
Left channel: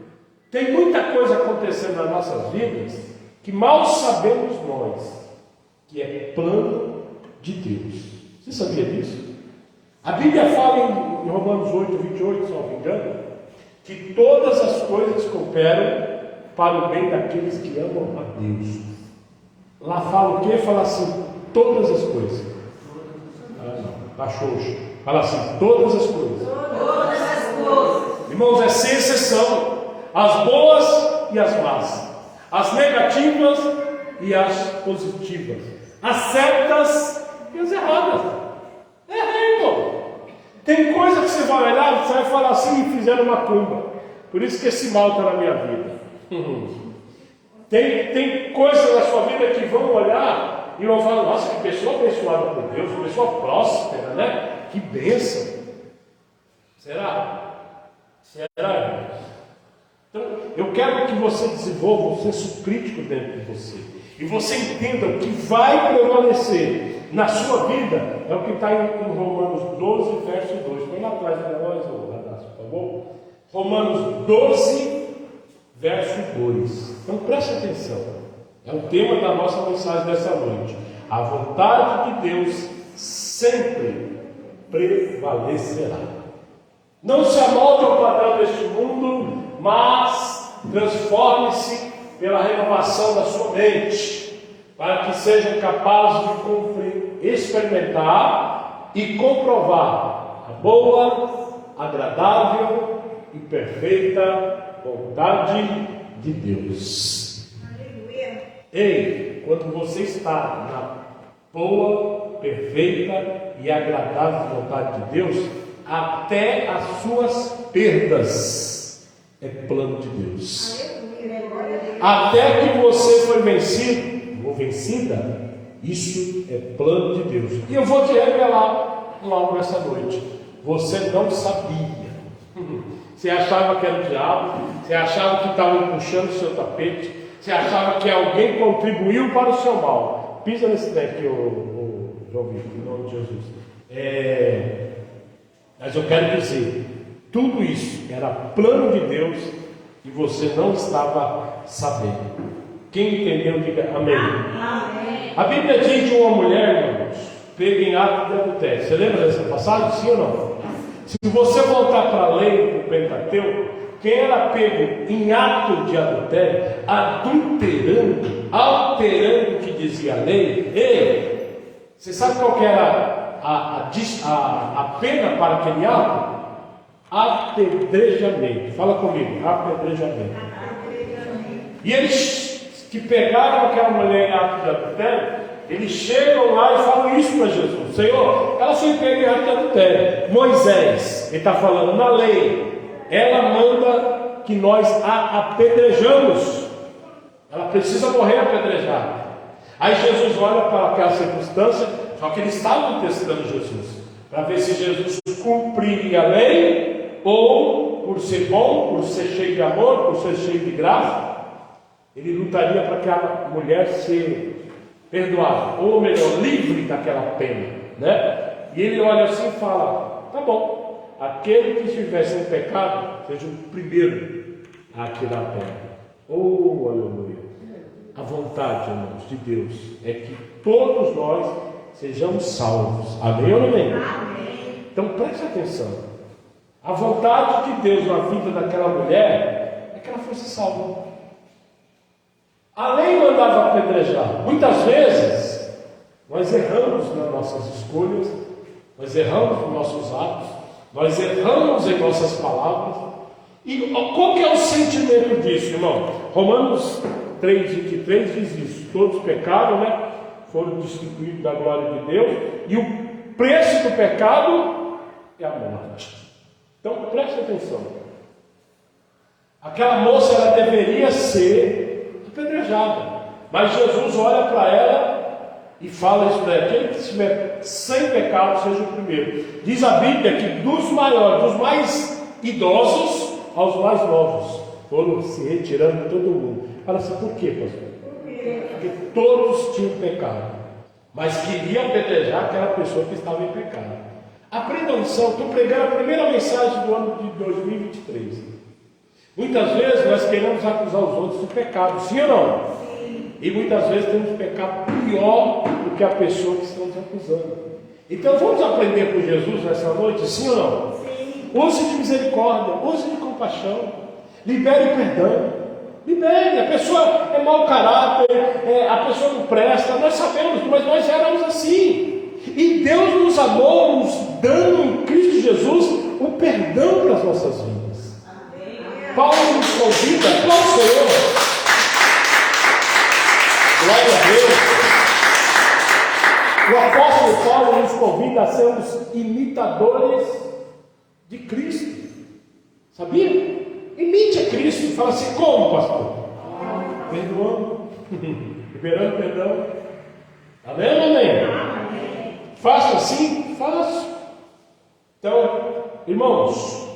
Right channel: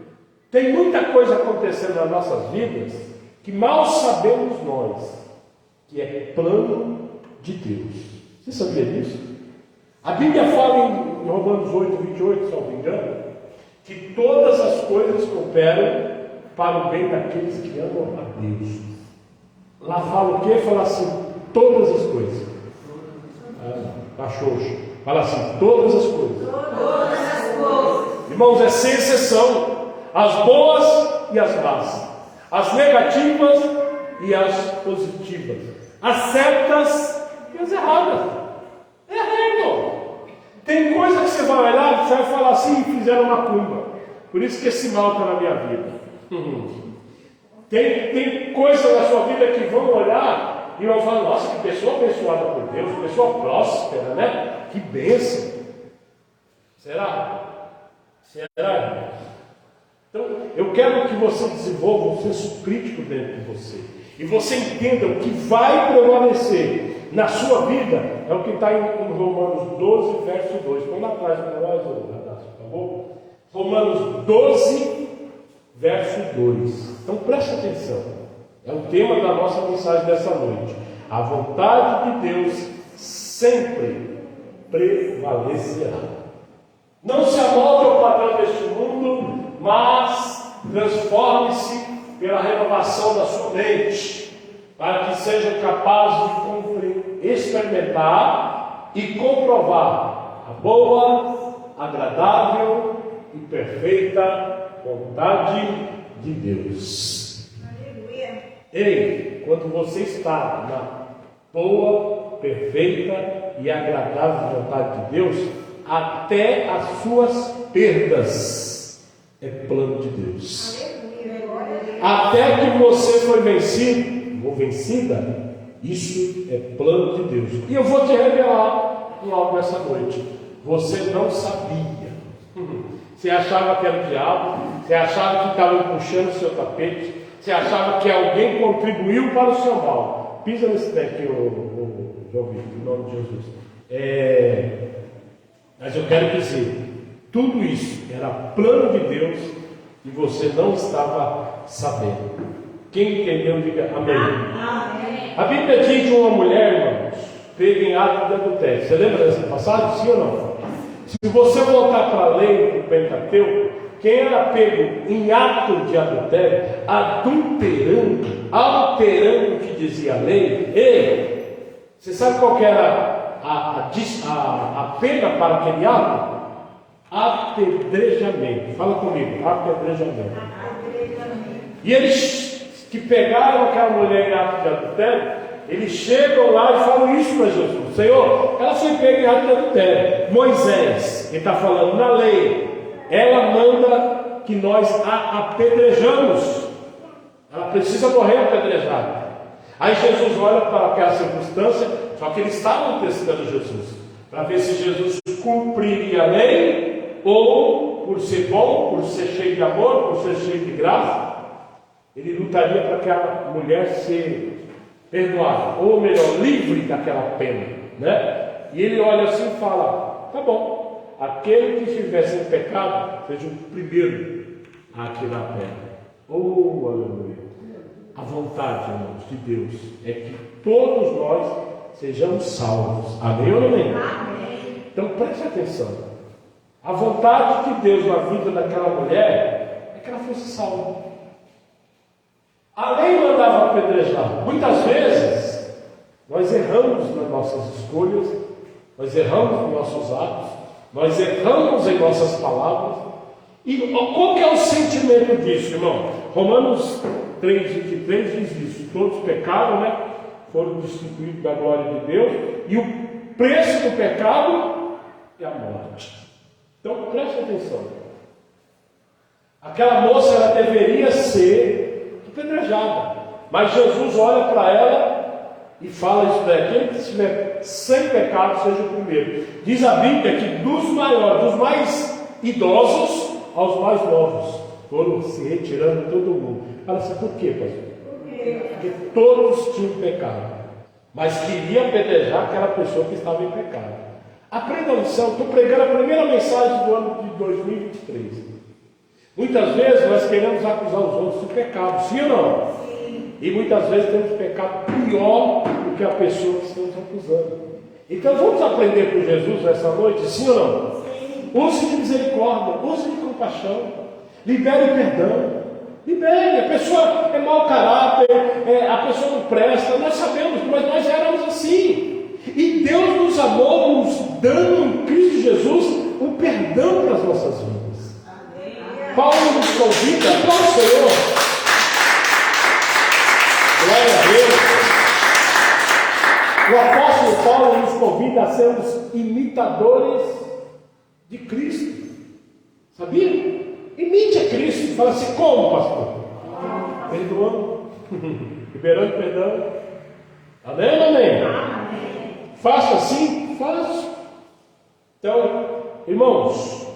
Tem muita coisa acontecendo nas nossas vidas que mal sabemos nós que é plano de Deus. Você sabia disso? A Bíblia fala em Romanos 8, 28, se não me engano, que todas as coisas cooperam para o bem daqueles que amam a Deus. Lá fala o quê? Fala assim: todas as coisas. Achou? Fala assim: todas as coisas. Todas as coisas. Irmãos, é sem exceção. As boas e as más. As negativas e as positivas. As certas e as erradas. Irmão. Tem coisa que você vai olhar, você vai falar assim: fizeram uma macumba. Por isso que esse mal está na minha vida. Tem coisas na sua vida que vão olhar e vão falar: nossa, que pessoa abençoada por Deus, que pessoa próspera, né? Que bênção. Será? Será, irmãos? Então, eu quero que você desenvolva um senso crítico dentro de você. E você entenda o que vai prevalecer na sua vida. É o que está em Romanos 12, verso 2. Põe lá atrás para nós, por favor. Romanos 12, verso 2. Então preste atenção. É o tema da nossa mensagem dessa noite. A vontade de Deus sempre prevalecerá. Não se amolde ao padrão deste mundo, mas transforme-se pela renovação da sua mente, para que seja capaz de experimentar e comprovar a boa, agradável e perfeita vontade de Deus. Aleluia. Ei, quando você está na boa, perfeita e agradável vontade de Deus, até as suas perdas é plano de Deus. Até que você foi vencido ou vencida, isso é plano de Deus. E eu vou te revelar logo nessa noite. Você não sabia. Você achava que era o diabo, você achava que estava puxando o seu tapete, você achava que alguém contribuiu para o seu mal. Pisa nesse trem aqui, o João Vitor, em nome de Jesus. Mas eu quero dizer, tudo isso era plano de Deus e você não estava sabendo. Quem entendeu, diga amém. Amém. A Bíblia diz de uma mulher, irmãos, pega em ato de adultério. Você lembra dessa passagem? Sim ou não? Se você voltar para a lei do Pentateuco, quem era pego em ato de adultério, alterando o que dizia a lei, você sabe qual que era a pena para aquele ato? Apedrejamento. Fala comigo, apedrejamento. E eles que pegaram aquela mulher em ato de adultério, eles chegam lá e falam isso para Jesus: Senhor, ela foi pega em ato de adultério. Moisés, ele está falando na lei, ela manda que nós a apedrejamos. Ela precisa morrer apedrejada. Aí Jesus olha para aquela circunstância, só que eles estavam testando Jesus, para ver se Jesus cumpriria a lei, ou por ser bom, por ser cheio de amor, por ser cheio de graça, ele lutaria para aquela mulher ser perdoada, ou melhor, livre daquela pena, né? E ele olha assim e fala: tá bom, aquele que estiver sem pecado, seja o primeiro a tirar a pedra. Oh, aleluia! A vontade, irmãos, de Deus é que todos nós sejamos salvos. Amém ou não amém? Amém. Então preste atenção. A vontade de Deus na vida daquela mulher é que ela fosse salva. A lei mandava apedrejar. Muitas vezes nós erramos nas nossas escolhas, nós erramos nos nossos atos, nós erramos em nossas palavras. E qual que é o sentimento disso, irmão? Romanos 3,23 diz isso: todos pecaram, né? Foram destituídos da glória de Deus, e o preço do pecado é a morte. Então preste atenção. Aquela moça, ela deveria ser apedrejada, mas Jesus olha para ela e fala isso para ela: aquele que estiver sem pecado seja o primeiro. Diz a Bíblia que dos maiores, dos mais idosos aos mais novos, foram se retirando todo mundo. Fala assim: por quê, pastor? Porque todos tinham pecado, mas queria apedrejar aquela pessoa que estava em pecado. Aprenda a lição. Estou pregando a primeira mensagem do ano de 2023. Muitas vezes nós queremos acusar os outros de pecado, sim ou não? Sim. E muitas vezes temos pecado pior do que a pessoa que estamos acusando. Então vamos aprender com Jesus nessa noite, sim ou não? Sim. Use de misericórdia, use de compaixão, libere perdão. Libere. A pessoa é mau caráter, a pessoa não presta, nós sabemos, mas nós éramos assim. E Deus nos amou, nos dando em Cristo Jesus o perdão das nossas vidas. Amém. Paulo nos convida, qual o Senhor? Glória a Deus. O apóstolo Paulo nos convida a sermos imitadores de Cristo. Sabia? Imite a Cristo. Fala assim: como, pastor? Perdoando, liberando perdão. Amém, amém? Faço assim? Faço. Então, irmãos,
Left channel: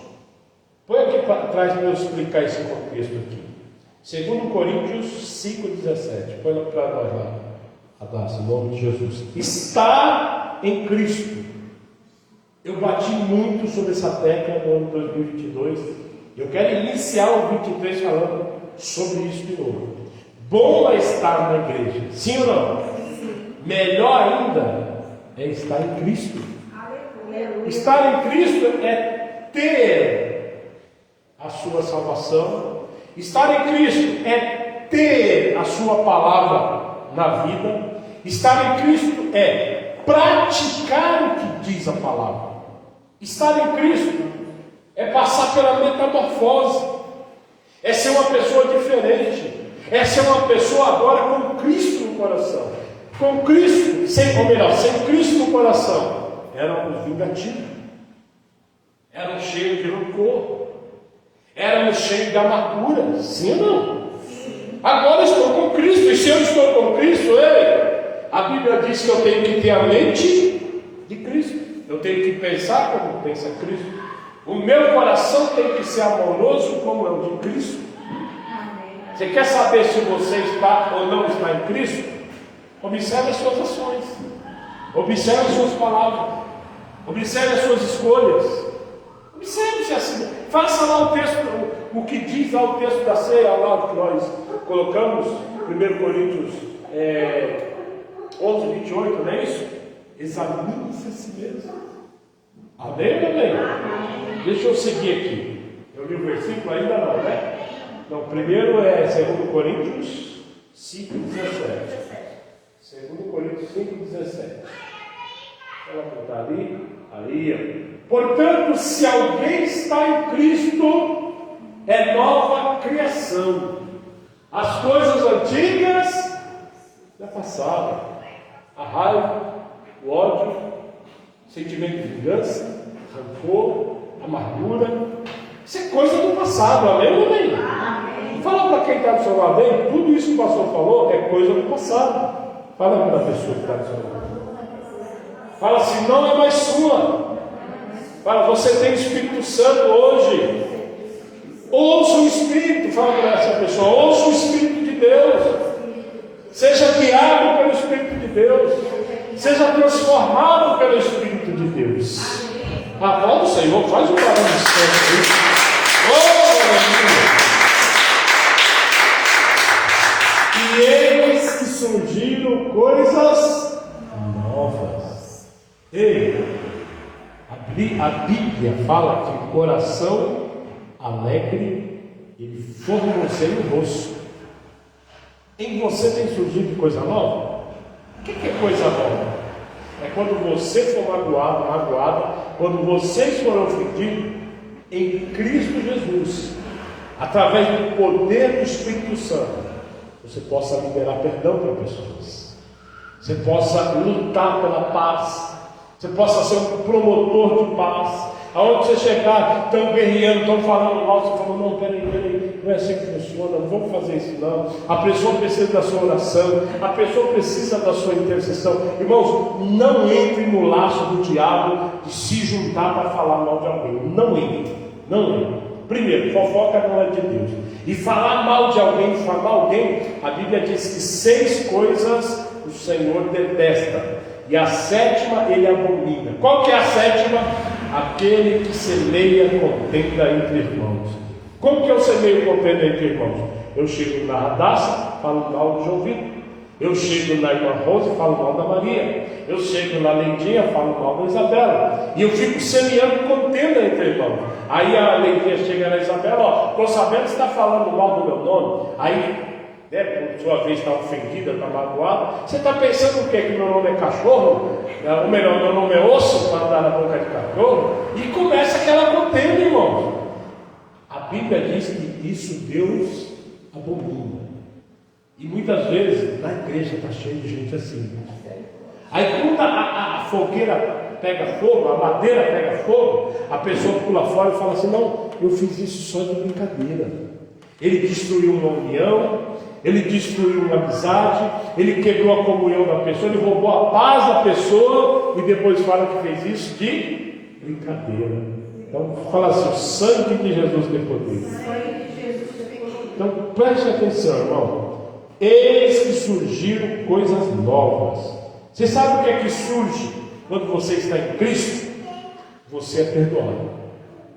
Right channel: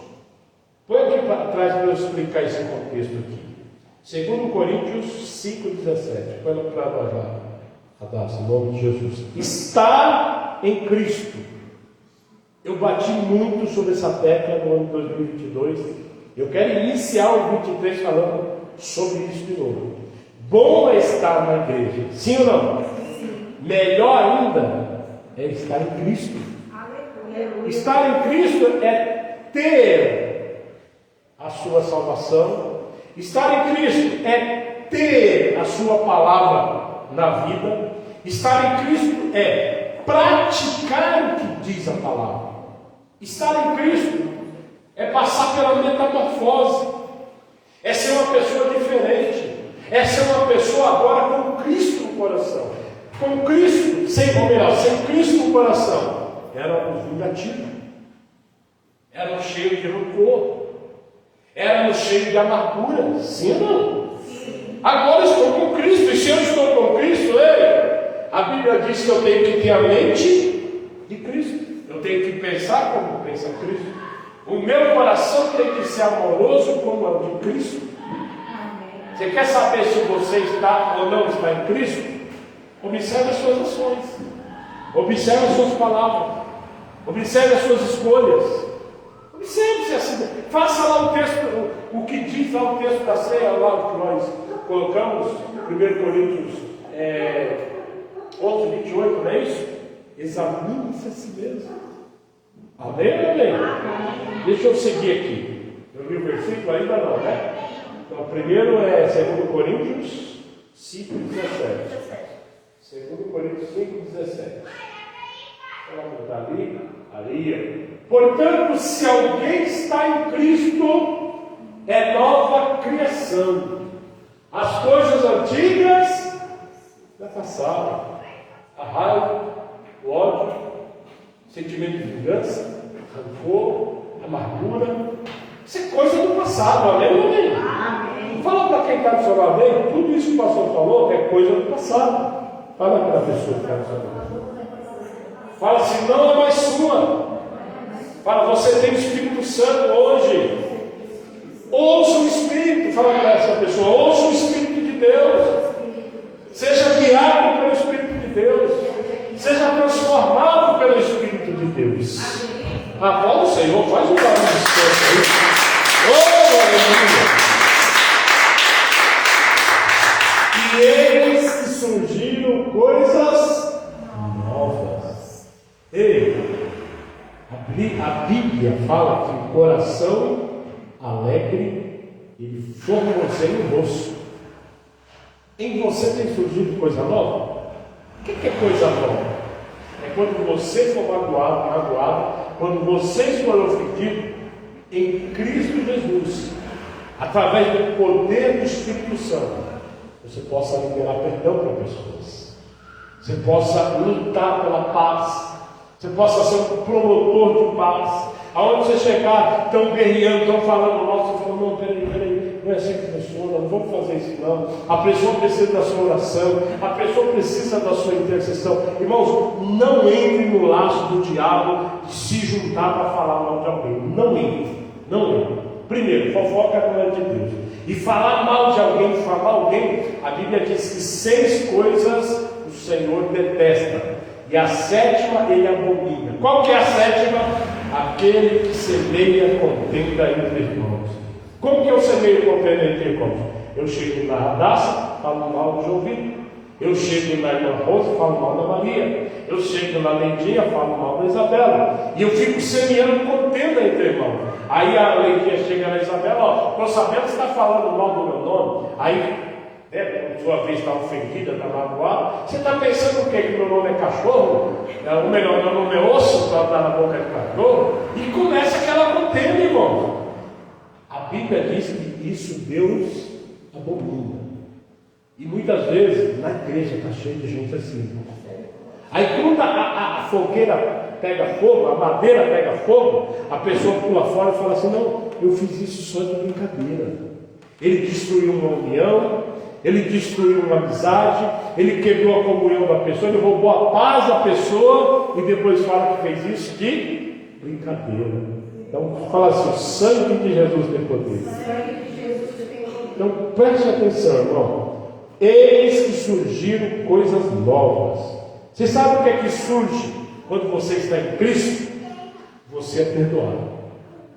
põe aqui para trás para eu explicar esse contexto aqui. 2 Coríntios 5,17. Põe para nós lá. Abraço, em nome de Jesus. Está em Cristo. Eu bati muito sobre essa tecla no ano 2022. Eu quero iniciar o 23 falando sobre isso de novo. Bom é estar na igreja, sim ou não? Melhor ainda é estar em Cristo. Estar em Cristo é ter a sua salvação. Estar em Cristo é ter a sua palavra na vida. Estar em Cristo é praticar o que diz a palavra. Estar em Cristo é passar pela metamorfose, é ser uma pessoa diferente, é ser uma pessoa agora com Cristo no coração. Com Cristo, sem Cristo no coração, éramos vingativos, éramos cheios de rancor, éramos cheios de amargura, sim ou não? Agora estou com Cristo, e se eu estou com Cristo, a Bíblia diz que eu tenho que ter a mente de Cristo, eu tenho que pensar como pensa Cristo, o meu coração tem que ser amoroso como é o de Cristo. Você quer saber se você está ou não está em Cristo? Observe as suas ações, observe as suas palavras, observe as suas escolhas, observe-se assim, faça lá o texto, o que diz lá o texto da ceia, lá que nós colocamos, 1 Coríntios 11, 28, não é isso? Examine-se a si mesmo. Amém ou amém? Deixa eu seguir aqui. Eu li o versículo ainda não, né? Então, primeiro é 2 Coríntios 5, 17. 2 Coríntios 5, 17. Ela está ali. Portanto, se alguém está em Cristo, é nova criação. As coisas antigas já passaram. A raiva, o ódio, sentimento de vingança, rancor, amargura. Isso é coisa do passado, amém ou amém? Amém. Fala para quem está do seu lado, amém? Tudo isso que o pastor falou é coisa do passado. Fala para a pessoa que está do seu lado. Fala assim, não é mais sua. Fala, você tem o Espírito Santo hoje. Ouça o Espírito, fala para essa pessoa, ouça o Espírito de Deus. Seja guiado pelo Espírito de Deus. Seja transformado pelo Espírito de Deus. A voz do Senhor faz um barulho de Senhor. E eis que surgiram coisas novas. Ei, a Bíblia fala que o coração alegre ele formoseia o rosto. Em você tem surgido coisa nova? O que é coisa nova? É quando você for magoada, quando vocês forem ofendidos em Cristo Jesus, através do poder do Espírito Santo, você possa liberar perdão para pessoas, você possa lutar pela paz, você possa ser um promotor de paz. Aonde você chegar, estão guerreando, estão falando mal, você fala, não, peraí, não é assim que funciona, não vamos fazer isso não. A pessoa precisa da sua oração, a pessoa precisa da sua intercessão. Irmãos, não entre no laço do diabo de se juntar para falar mal de alguém. Não entre. Primeiro, fofoca não é de Deus. E falar mal de alguém, difamar alguém, a Bíblia diz que 6 coisas o Senhor detesta. E a 7ª ele abomina. Qual que é a 7ª? Aquele que semeia contenda entre irmãos. Como que eu semeio contenda entre irmãos? Eu chego na Radassa, falo mal de ouvido. Eu chego na Irmã Rosa, falo mal da Maria. Eu chego na Leidinha, falo mal da Isabela. E eu fico semeando contenda entre irmãos. Aí a Leidinha chega na Isabela, estou sabendo que você está falando mal do meu nome. Aí, por sua vez, está ofendida, está magoada. Você está pensando o quê? Que meu nome é cachorro? Ou melhor, meu nome é osso para dar na boca de cachorro? E começa aquela contenda, irmãos. A Bíblia diz que isso Deus abomina. E muitas vezes na igreja está cheio de gente assim. Aí quando a fogueira pega fogo, a madeira pega fogo, a pessoa pula fora e fala assim, não, eu fiz isso só de brincadeira. Ele destruiu uma união, ele destruiu uma amizade, ele quebrou a comunhão da pessoa, ele roubou a paz da pessoa e depois fala que fez isso de brincadeira. Então fala assim, o sangue de Jesus tem poder. Então preste atenção, irmão. Eis que surgiram coisas novas. Você sabe o que é que surge quando você está em Cristo? Você é perdoado.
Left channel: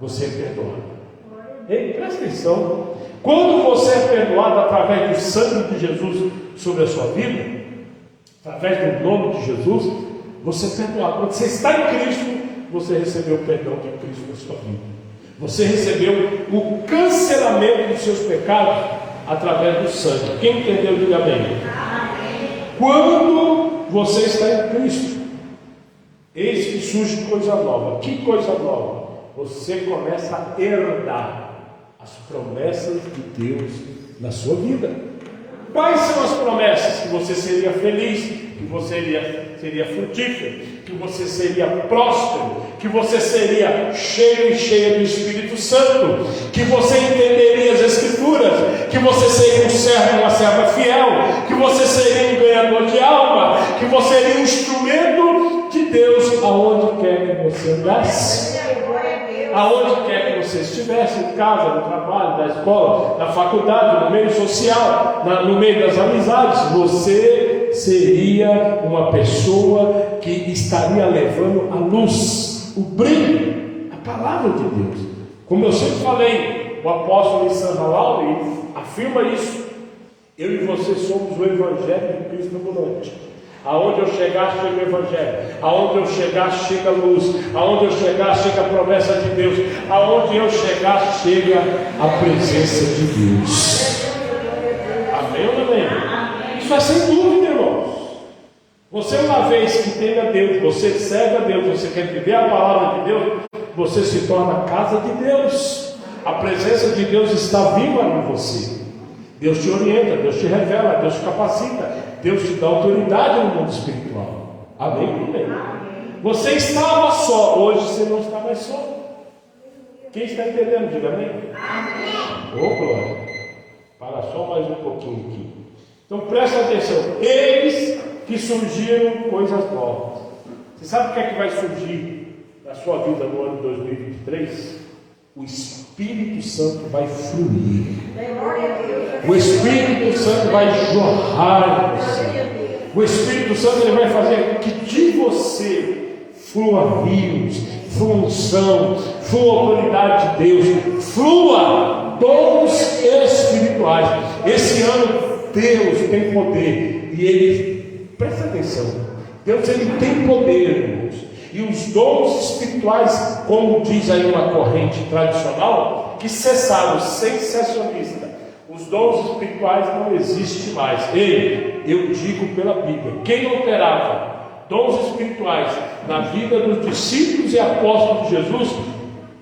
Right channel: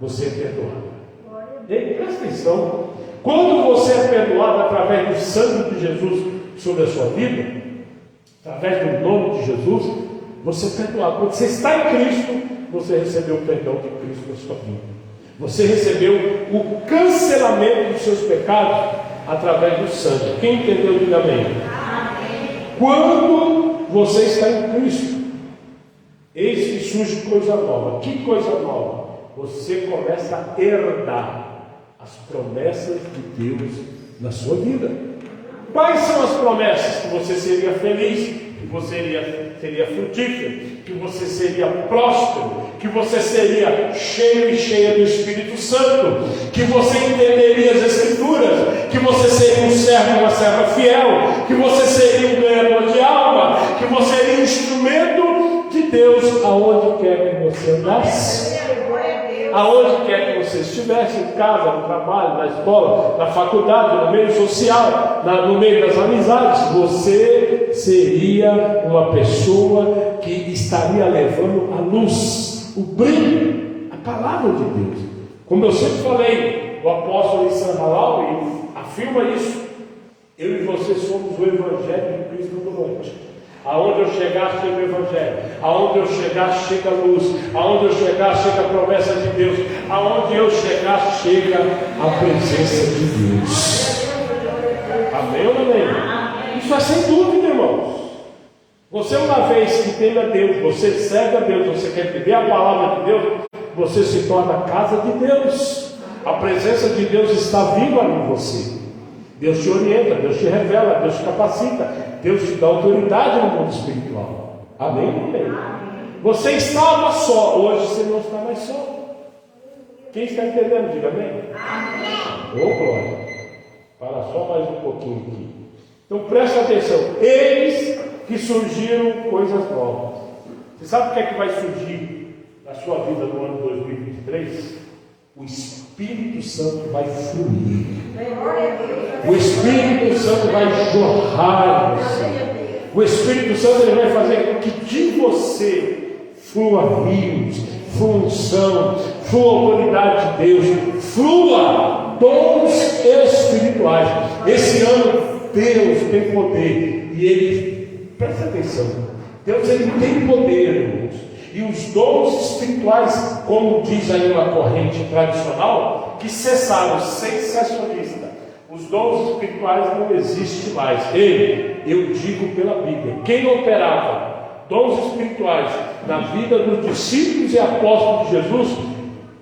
Você é perdoado. Ei, presta atenção. Quando você é perdoado através do sangue de Jesus sobre a sua vida, através do nome de Jesus, você é perdoado. Quando você está em Cristo, você recebeu o perdão de Cristo na sua vida. Você recebeu o cancelamento dos seus pecados através do sangue. Quem entendeu, diga amém. Quando você está em Cristo, eis que surge coisa nova. Que coisa nova? Você começa a herdar as promessas de Deus na sua vida. Quais são as promessas? Que você seria feliz, que você seria frutífero, que você seria próspero, que você seria cheio e cheia do Espírito Santo, que você entenderia as Escrituras, que você seria um servo e uma serva fiel, que você seria um ganhador de alma, que você seria um instrumento de Deus aonde quer que você andasse. Aonde quer que você estivesse, em casa, no trabalho, na escola, na faculdade, no meio social, no meio das amizades, você seria uma pessoa que estaria levando a luz, o brilho, a palavra de Deus. Como eu sempre falei, o apóstolo em Santa Laura afirma isso. Eu e você somos o Evangelho de Cristo ambulante. Aonde eu chegar, chega o Evangelho. Aonde eu chegar, chega a luz. Aonde eu chegar, chega a promessa de Deus. Aonde eu chegar, chega a presença de Deus. Amém ou não amém? Isso é sem dúvida, irmãos. Você, uma vez que tem a Deus, você serve a Deus, você quer viver a palavra de Deus, você se torna a casa de Deus. A presença de Deus está viva em você. Deus te orienta, Deus te revela, Deus te capacita, Deus te dá autoridade no mundo espiritual. Amém? Amém. Você estava só, hoje você não está mais só. Quem está entendendo, diga amém. Amém. Ô glória. Para só mais um pouquinho aqui. Então presta atenção. Eis que surgiram coisas novas. Você sabe o que é que vai surgir na sua vida no ano 2023? O Espírito Santo vai fluir. O Espírito Santo vai jorrar em você. O Espírito Santo ele vai fazer que de você flua rios, flua unção, flua autoridade de Deus, flua dons espirituais. Esse ano Deus tem poder e Ele, presta atenção, Deus ele tem poder, irmãos. E os dons espirituais, como diz aí uma corrente tradicional, que cessaram, sensacionista. Os dons espirituais não existem mais. Eu digo pela Bíblia, quem operava dons espirituais na vida dos discípulos e apóstolos de Jesus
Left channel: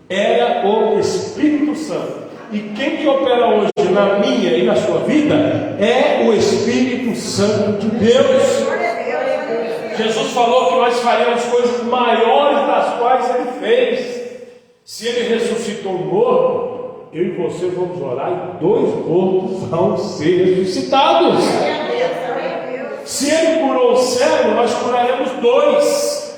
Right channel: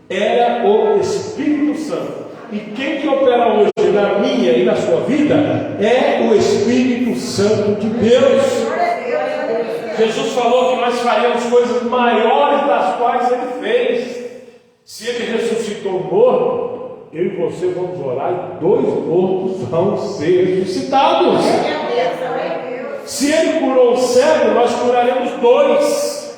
era o Espírito Santo. E quem que opera hoje na minha e na sua vida é o Espírito Santo de Deus. Jesus falou que nós faríamos coisas maiores das quais Ele fez. Se Ele ressuscitou um morto, eu e você vamos orar e 2 mortos vão ser ressuscitados. Se Ele curou o cego, nós curaremos 2.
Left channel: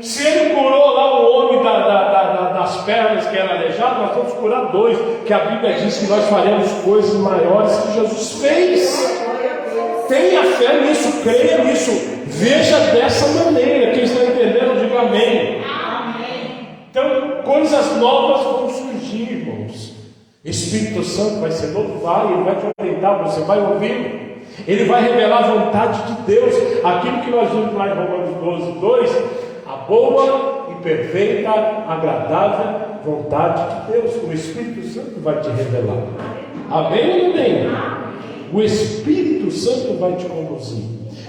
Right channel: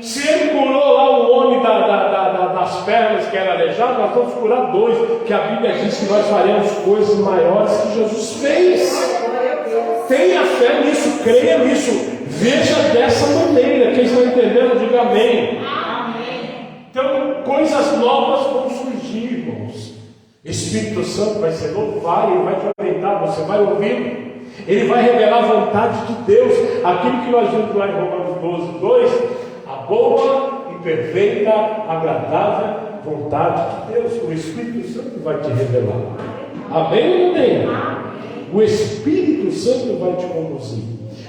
Se Ele curou lá o homem das pernas que era aleijado, nós vamos curar 2. Que a Bíblia diz que nós faremos coisas maiores que Jesus fez. Tenha fé nisso, creia nisso. Veja dessa maneira. Quem está entendendo, diga amém. Amém. Então, coisas novas vão surgir, irmãos. Espírito Santo vai ser louvado, Ele vai te orientar, você vai ouvir. Ele vai revelar a vontade de Deus. Aquilo que nós vimos lá em Romanos 12:2, a boa e perfeita, agradável vontade de Deus. O Espírito Santo vai te revelar. Amém ou não amém? O Espírito Santo vai te conduzir.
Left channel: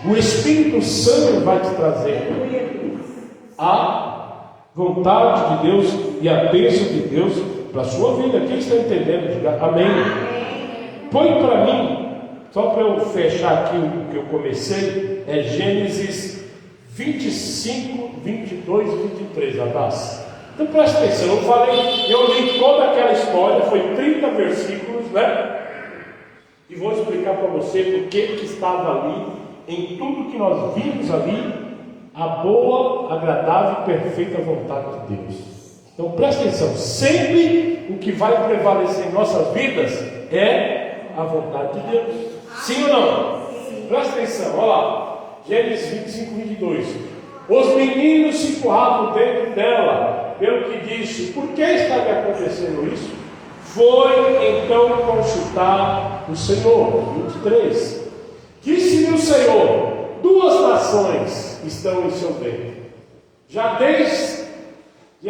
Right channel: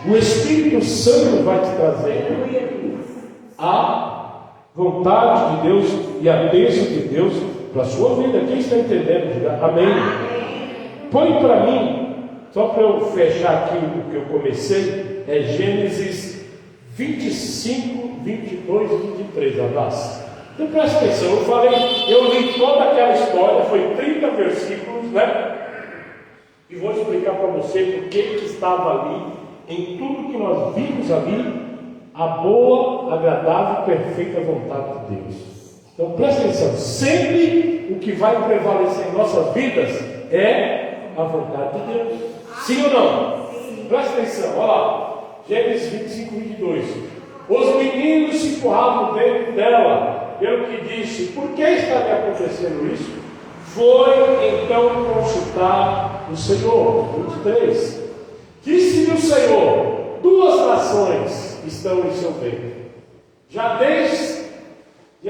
O Espírito Santo vai te trazer a vontade de Deus e a bênção de Deus para a sua vida. Quem está entendendo? Diga amém. Põe para mim, só para eu fechar aqui o que eu comecei, é Gênesis 25, 22 e 23. Abraço. Então presta atenção, eu li toda aquela história, foi 30 versículos, né? E vou explicar para você por que estava ali, em tudo que nós vimos ali, a boa, agradável e perfeita vontade de Deus. Então presta atenção, sempre o que vai prevalecer em nossas vidas é a vontade de Deus. Sim ou não? Sim. Presta atenção, olha lá, Gênesis 25, 22. Os meninos se empurravam dentro dela, pelo que disse: por que está me acontecendo isso? foi então consultar o Senhor. 23. Disse-lhe o Senhor: 2 nações estão em seu ventre. Já desde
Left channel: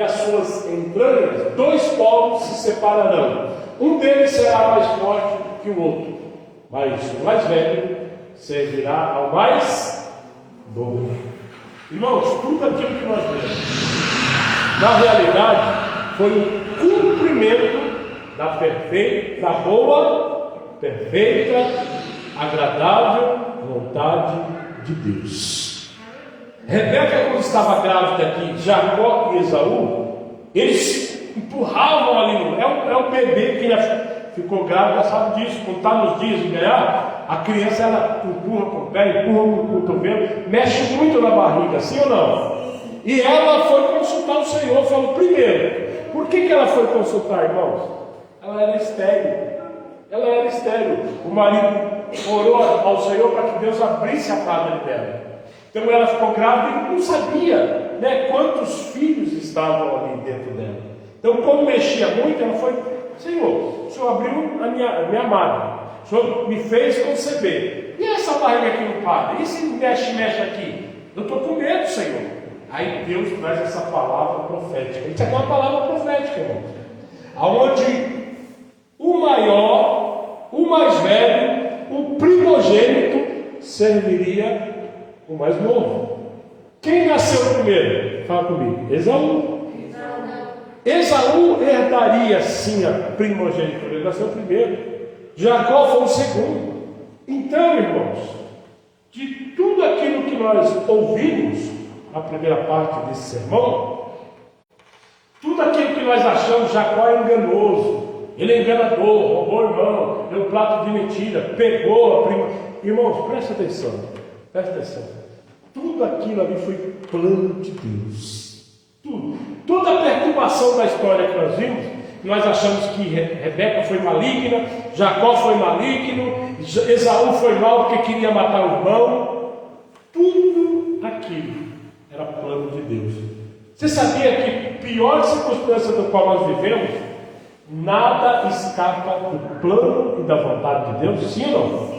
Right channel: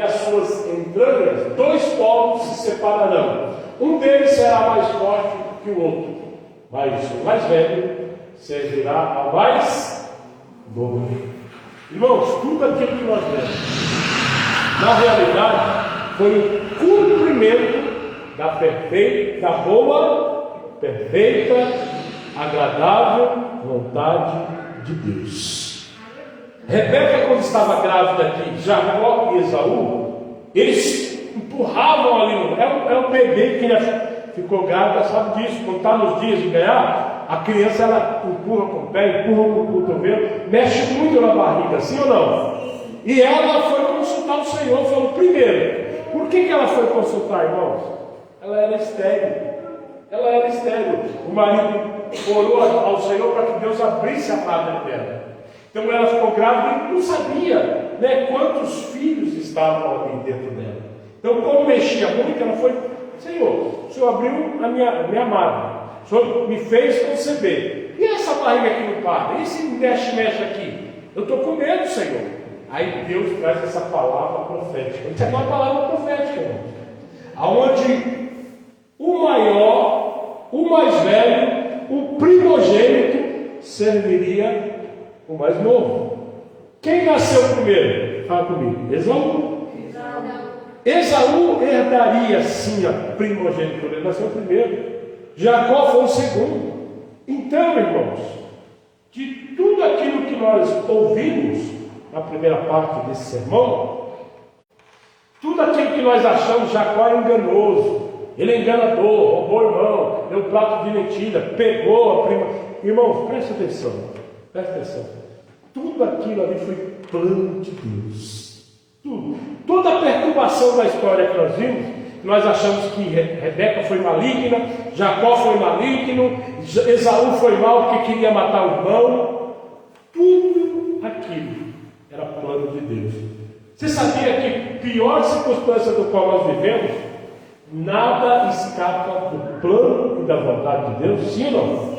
as suas entranhas, 2 povos se separarão. Um deles será mais forte que o outro, mas o mais velho servirá ao mais novo. Irmãos, tudo aquilo que nós vemos, na realidade, foi o cumprimento da boa, perfeita, agradável vontade de Deus. Rebeca, quando estava grávida de Jacó e Esaú, eles empurravam ali, é o bebê que ficou grávida, sabe disso. Quando está nos dias de ganhar, a criança ela empurra com o pé, empurra com o cotovelo, mexe muito na barriga, sim ou não? E ela foi consultar o Senhor. Falou: primeiro, por que ela foi consultar, irmãos? Ela era estéril. O marido orou ao Senhor para que Deus abrisse a madre dela. Então ela ficou grávida e não sabia, né, quantos filhos estavam ali dentro dela. Então, como mexia muito, ela foi: Senhor, o Senhor abriu a minha madre, o Senhor me fez conceber. E essa barriga aqui no padre? E se mexe aqui? Eu estou com medo, Senhor. Aí Deus traz essa palavra profética. Isso é uma palavra profética, irmão. Aonde o maior, o mais velho, o primogênito serviria o mais novo. Quem nasceu primeiro? Fala comigo. Esaú herdaria sim a primogenitura. Ele nasceu primeiro. Jacó foi o segundo. Então, irmãos, de tudo aquilo que nós ouvimos na primeira parte desse sermão, tudo aquilo que nós achamos, Jacó é enganoso, ele é enganador, roubou o irmão, deu um prato de mentira, pegou a prima. Irmãos, presta atenção. Tudo aquilo ali foi plano de Deus. Tudo. Toda a perturbação da história que nós vimos, nós achamos que Rebeca foi maligna, Jacó foi maligno, Esaú foi mal porque queria matar o irmão. Tudo aquilo era plano de Deus. Você sabia que, pior circunstância do qual nós vivemos, nada escapa do plano e da vontade de Deus? Sim ou não?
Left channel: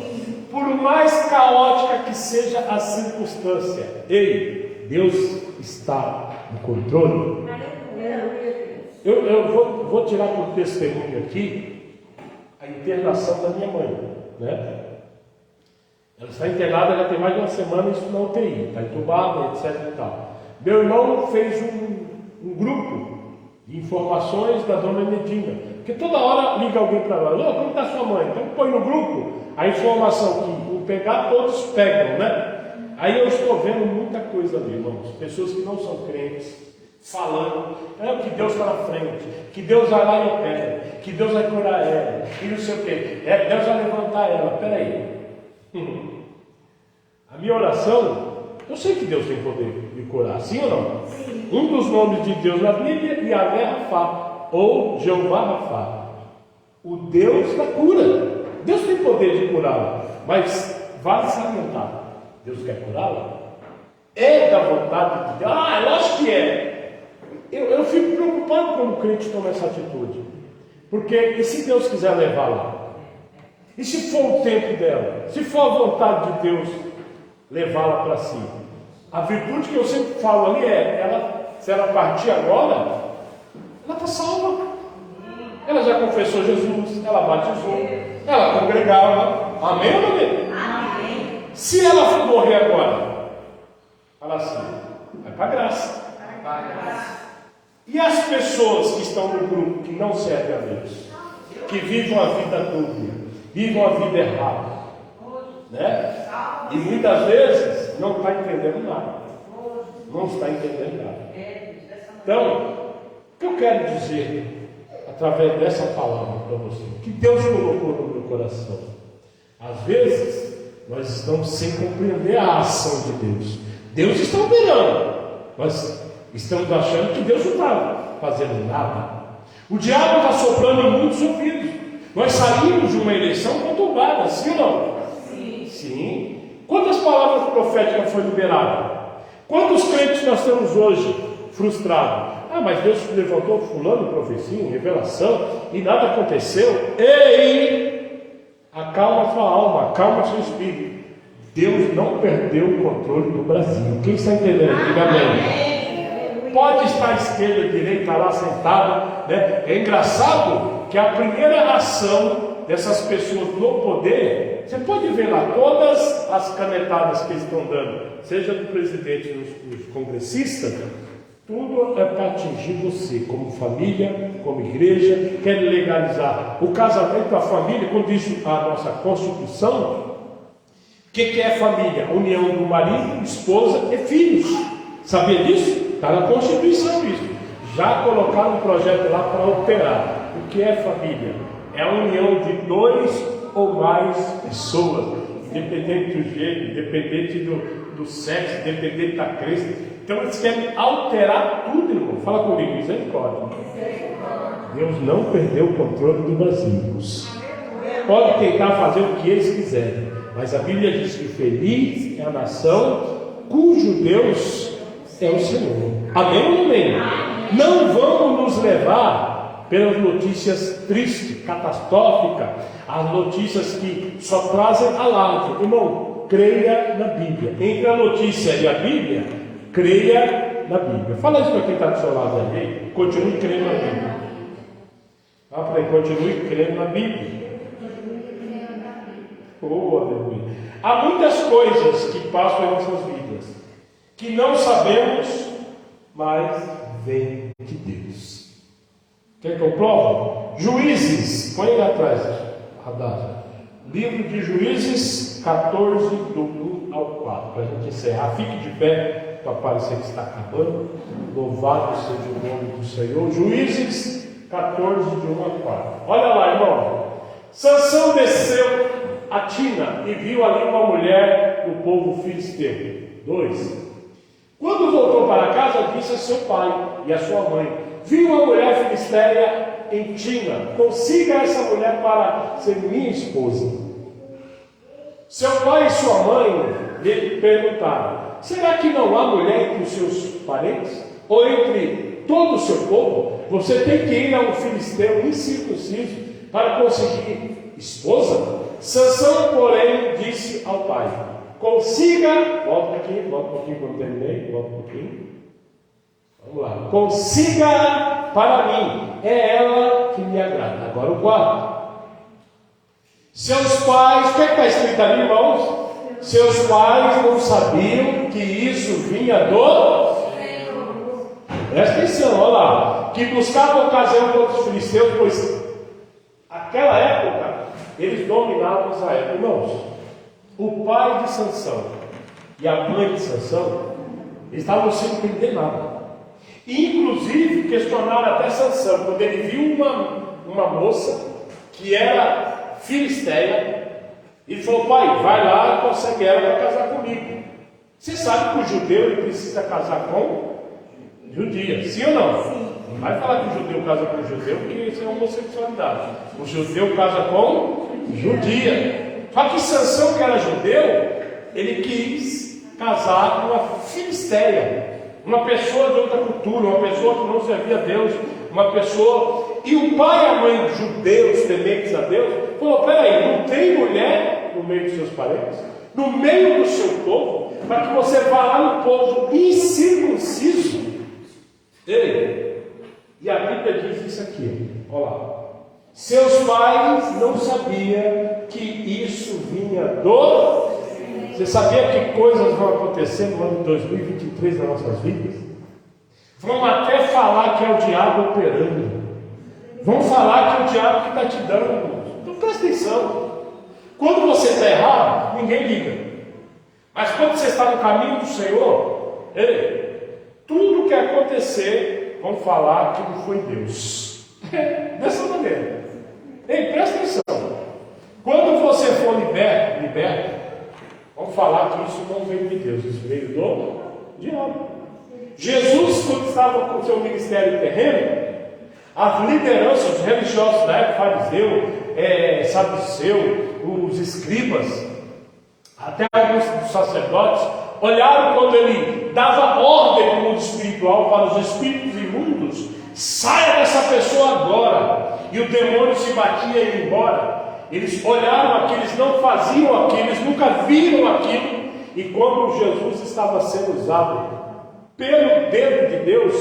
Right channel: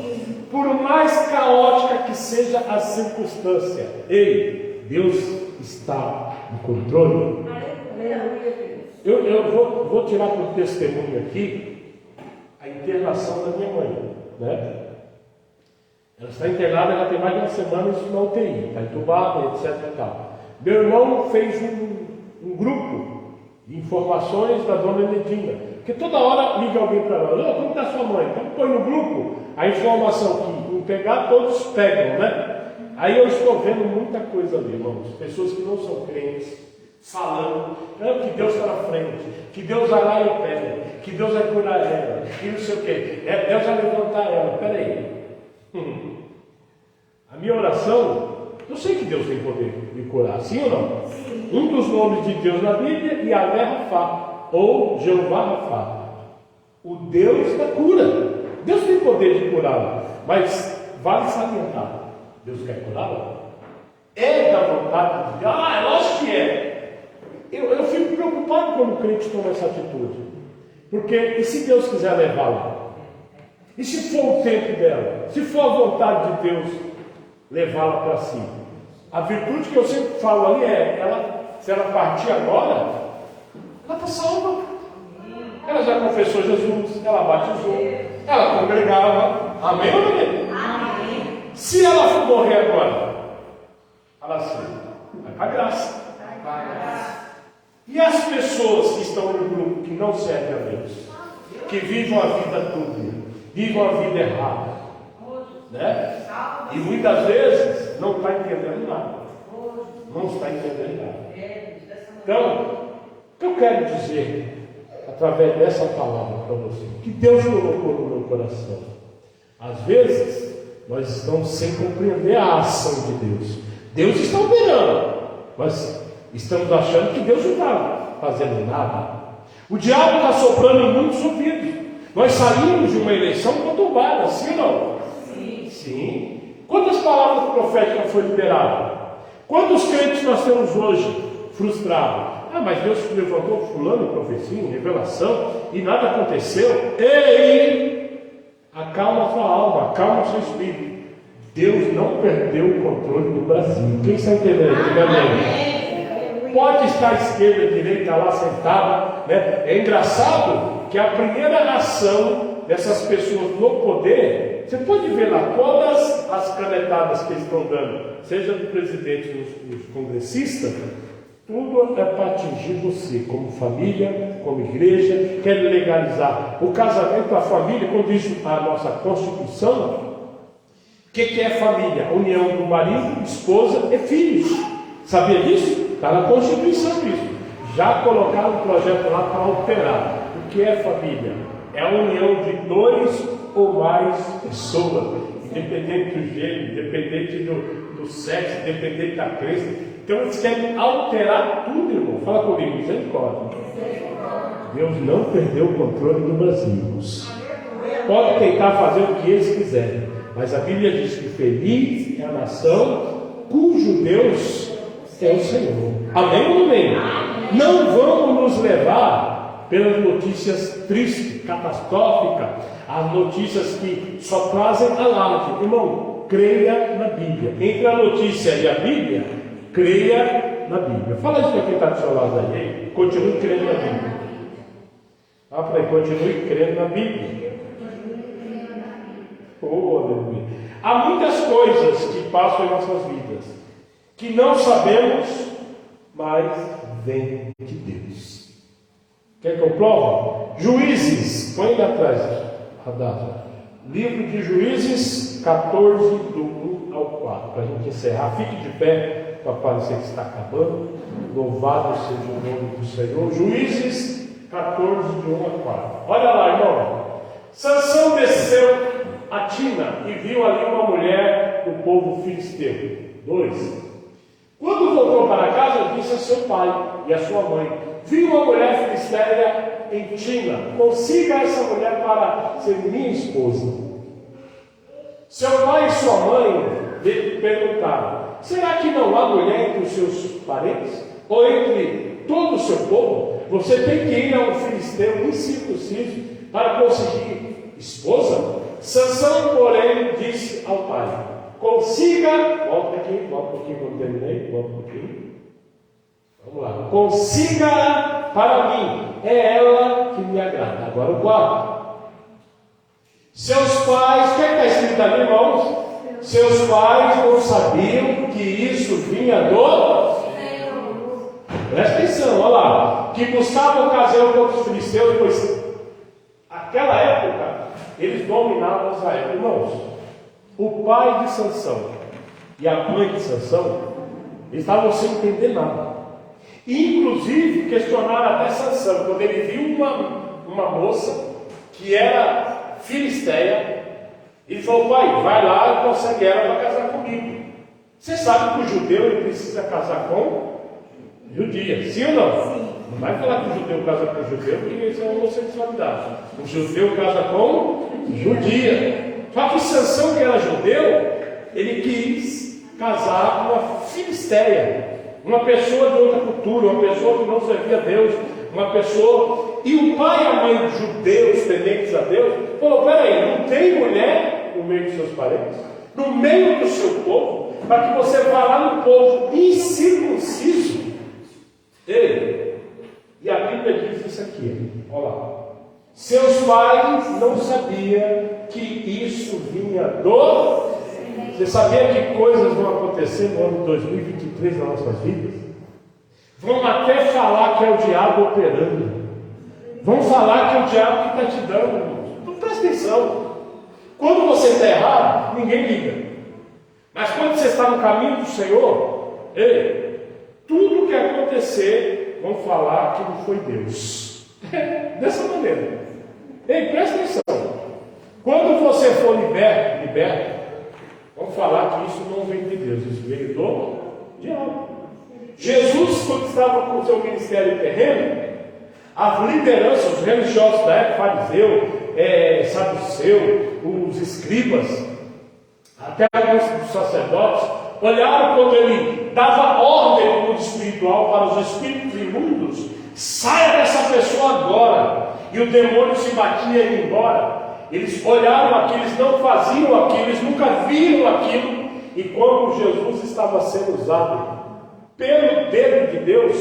Por mais caótica que seja a circunstância, Deus está no controle. Eu vou tirar por testemunho aqui a internação da minha mãe, né? Ela está internada, já tem mais de uma semana na UTI, está entubada, etc. E tal. Meu irmão fez um grupo de informações da dona Medina, porque toda hora liga alguém para lá: como está sua mãe? Então põe no grupo a informação que não pegar, todos pegam, né? Aí eu estou vendo muita coisa ali, irmãos. Pessoas que não são crentes falando que Deus está na frente, que Deus vai lá e opera, que Deus vai curar ela, e não sei o que, Deus vai levantar ela. Peraí, a minha oração, eu sei que Deus tem poder de curar, sim ou não? Sim. Um dos nomes de Deus na Bíblia é Yahvé Rafá, ou Jeová Rafá, o Deus da cura. Deus tem poder de curá-la, mas vale salientar: Deus quer curá-la? É da vontade de Deus? Lógico que é. Eu fico preocupado quando o crente toma essa atitude, porque e se Deus quiser levá-la? E se for o tempo dela? Se for a vontade de Deus levá-la para si? A virtude que eu sempre falo ali é: se ela partir agora, ela está salva. Ela já confessou Jesus, ela batizou, ela congregava. Amém ou não amém? Amém. Se ela for morrer agora, fala assim: vai para a graça. E as pessoas que estão no grupo que não servem a Deus, que vivem a vida dúbia, vivem a vida errada, né? E muitas vezes não está entendendo nada. Não está entendendo nada. Então, o que eu quero dizer através dessa palavra para você, que Deus colocou no meu coração? Às vezes nós estamos sem compreender a ação de Deus. Deus está operando, mas estamos achando que Deus não está fazendo nada. O diabo está soprando em muitos ouvidos. Nós saímos de uma eleição conturbada, sim ou não? Sim. Quantas palavras proféticas foram liberadas? Quantos crentes nós temos hoje frustrados? Ah, mas Deus levantou fulano em profecia, em revelação, e nada aconteceu. Ei, acalma sua alma, acalma seu espírito. Deus não perdeu o controle do Brasil. Quem está entendendo? Diga amém. Pode estar à esquerda, à direita, lá sentada, né? É engraçado que a primeira ação dessas pessoas no poder, você pode ver lá todas as canetadas que eles estão dando, seja do presidente e dos congressistas, tudo é para atingir você, como família, como igreja. Quer legalizar o casamento, a família, quando diz a nossa Constituição. O que é família? A união do marido, esposa e filhos. Sabia disso? Está na Constituição isso. Já colocaram um projeto lá para alterar. O que é família? É a união de 2 ou mais pessoas, independente do gênero, independente do sexo, independente da crença. Então eles querem alterar tudo, irmão. Fala comigo, misericórdia. Deus não perdeu o controle do Brasil. Pode tentar fazer o que eles quiserem, mas a Bíblia diz que feliz é a nação cujo Deus é o Senhor. Amém ou amém? Não vamos nos levar pelas notícias tristes, catastróficas, as notícias que só trazem alarde. Irmão, creia na Bíblia. Entre a notícia e a Bíblia, creia na Bíblia. Fala isso para quem está do seu lado aí. Continue crendo na Bíblia. Fala para ele, continue crendo na Bíblia. Oh, aleluia. Há muitas coisas que passam em nossas vidas que não sabemos, mas vem de Deus. Quer que eu prove? Juízes, põe aí atrás, Radar. Livro de Juízes 14, do 1 ao 4, para a gente encerrar. Fique de pé, para parecer que está acabando. Louvado seja o nome do Senhor. Juízes 14, de 1 a 4. Olha lá, irmão. Sansão desceu a Tina e viu ali uma mulher do povo filisteu. 2. Quando voltou para casa, disse a seu pai e a sua mãe: vi uma mulher filisteia em Tina, consiga essa mulher para ser minha esposa. Seu pai e sua mãe lhe perguntaram: será que não há mulher entre os seus parentes? Ou entre todo o seu povo? Você tem que ir a um filisteu incircunciso para conseguir esposa? Sansão, porém, disse ao pai: consiga, volta aqui, quando terminei, volta um pouquinho. Vamos lá. Consiga para mim, é ela que me agrada. Agora o 4. Seus pais, o que está escrito ali, irmãos? Seus pais não sabiam que isso vinha do Senhor. Presta atenção, olha lá. Que buscavam ocasião contra os filisteus, pois naquela época eles dominavam Israel. Irmãos, o pai de Sansão e a mãe de Sansão estavam sem entender nada. E, inclusive, questionaram até Sansão, quando ele viu uma moça que era filisteia. Ele falou: pai, vai lá e consegue ela para casar comigo. Você sabe que o judeu ele precisa casar com judia, sim ou não? Sim. Não vai falar que o judeu casa com judeu, porque isso é homossexualidade. O judeu casa com judia. Só que Sansão, que era judeu, ele quis casar com uma filisteia, uma pessoa de outra cultura, uma pessoa que não servia a Deus, uma pessoa. E o pai e a mãe judeus, tementes a Deus, falou: peraí, não tem mulher no meio dos seus parentes, no meio do seu povo, para que você vá lá no povo incircunciso? Ei, e a Bíblia diz isso aqui, olha lá. Seus pais não sabiam que isso vinha do... Você sabia que coisas vão acontecer no ano 2023 nas nossas vidas? Vão até falar que é o diabo operando. Vão falar que é o diabo que está te dando. Então presta atenção. Quando você está errado, ninguém liga. Mas quando você está no caminho do Senhor, ei, tudo que acontecer, vão falar que não foi Deus. Dessa maneira. Ei, presta atenção. Quando você for liberto, vão falar que isso não veio de Deus, isso veio do diabo. Jesus, quando estava com o seu ministério terreno, as lideranças, os religiosos da época, fariseu, saduceu, os escribas, até alguns dos sacerdotes, olharam quando ele dava ordem no mundo espiritual para os espíritos imundos: saia dessa pessoa agora. E o demônio se batia e ia embora. Eles olharam aquilo, eles não faziam aquilo, eles nunca viram aquilo. E quando Jesus estava sendo usado pelo dedo de Deus,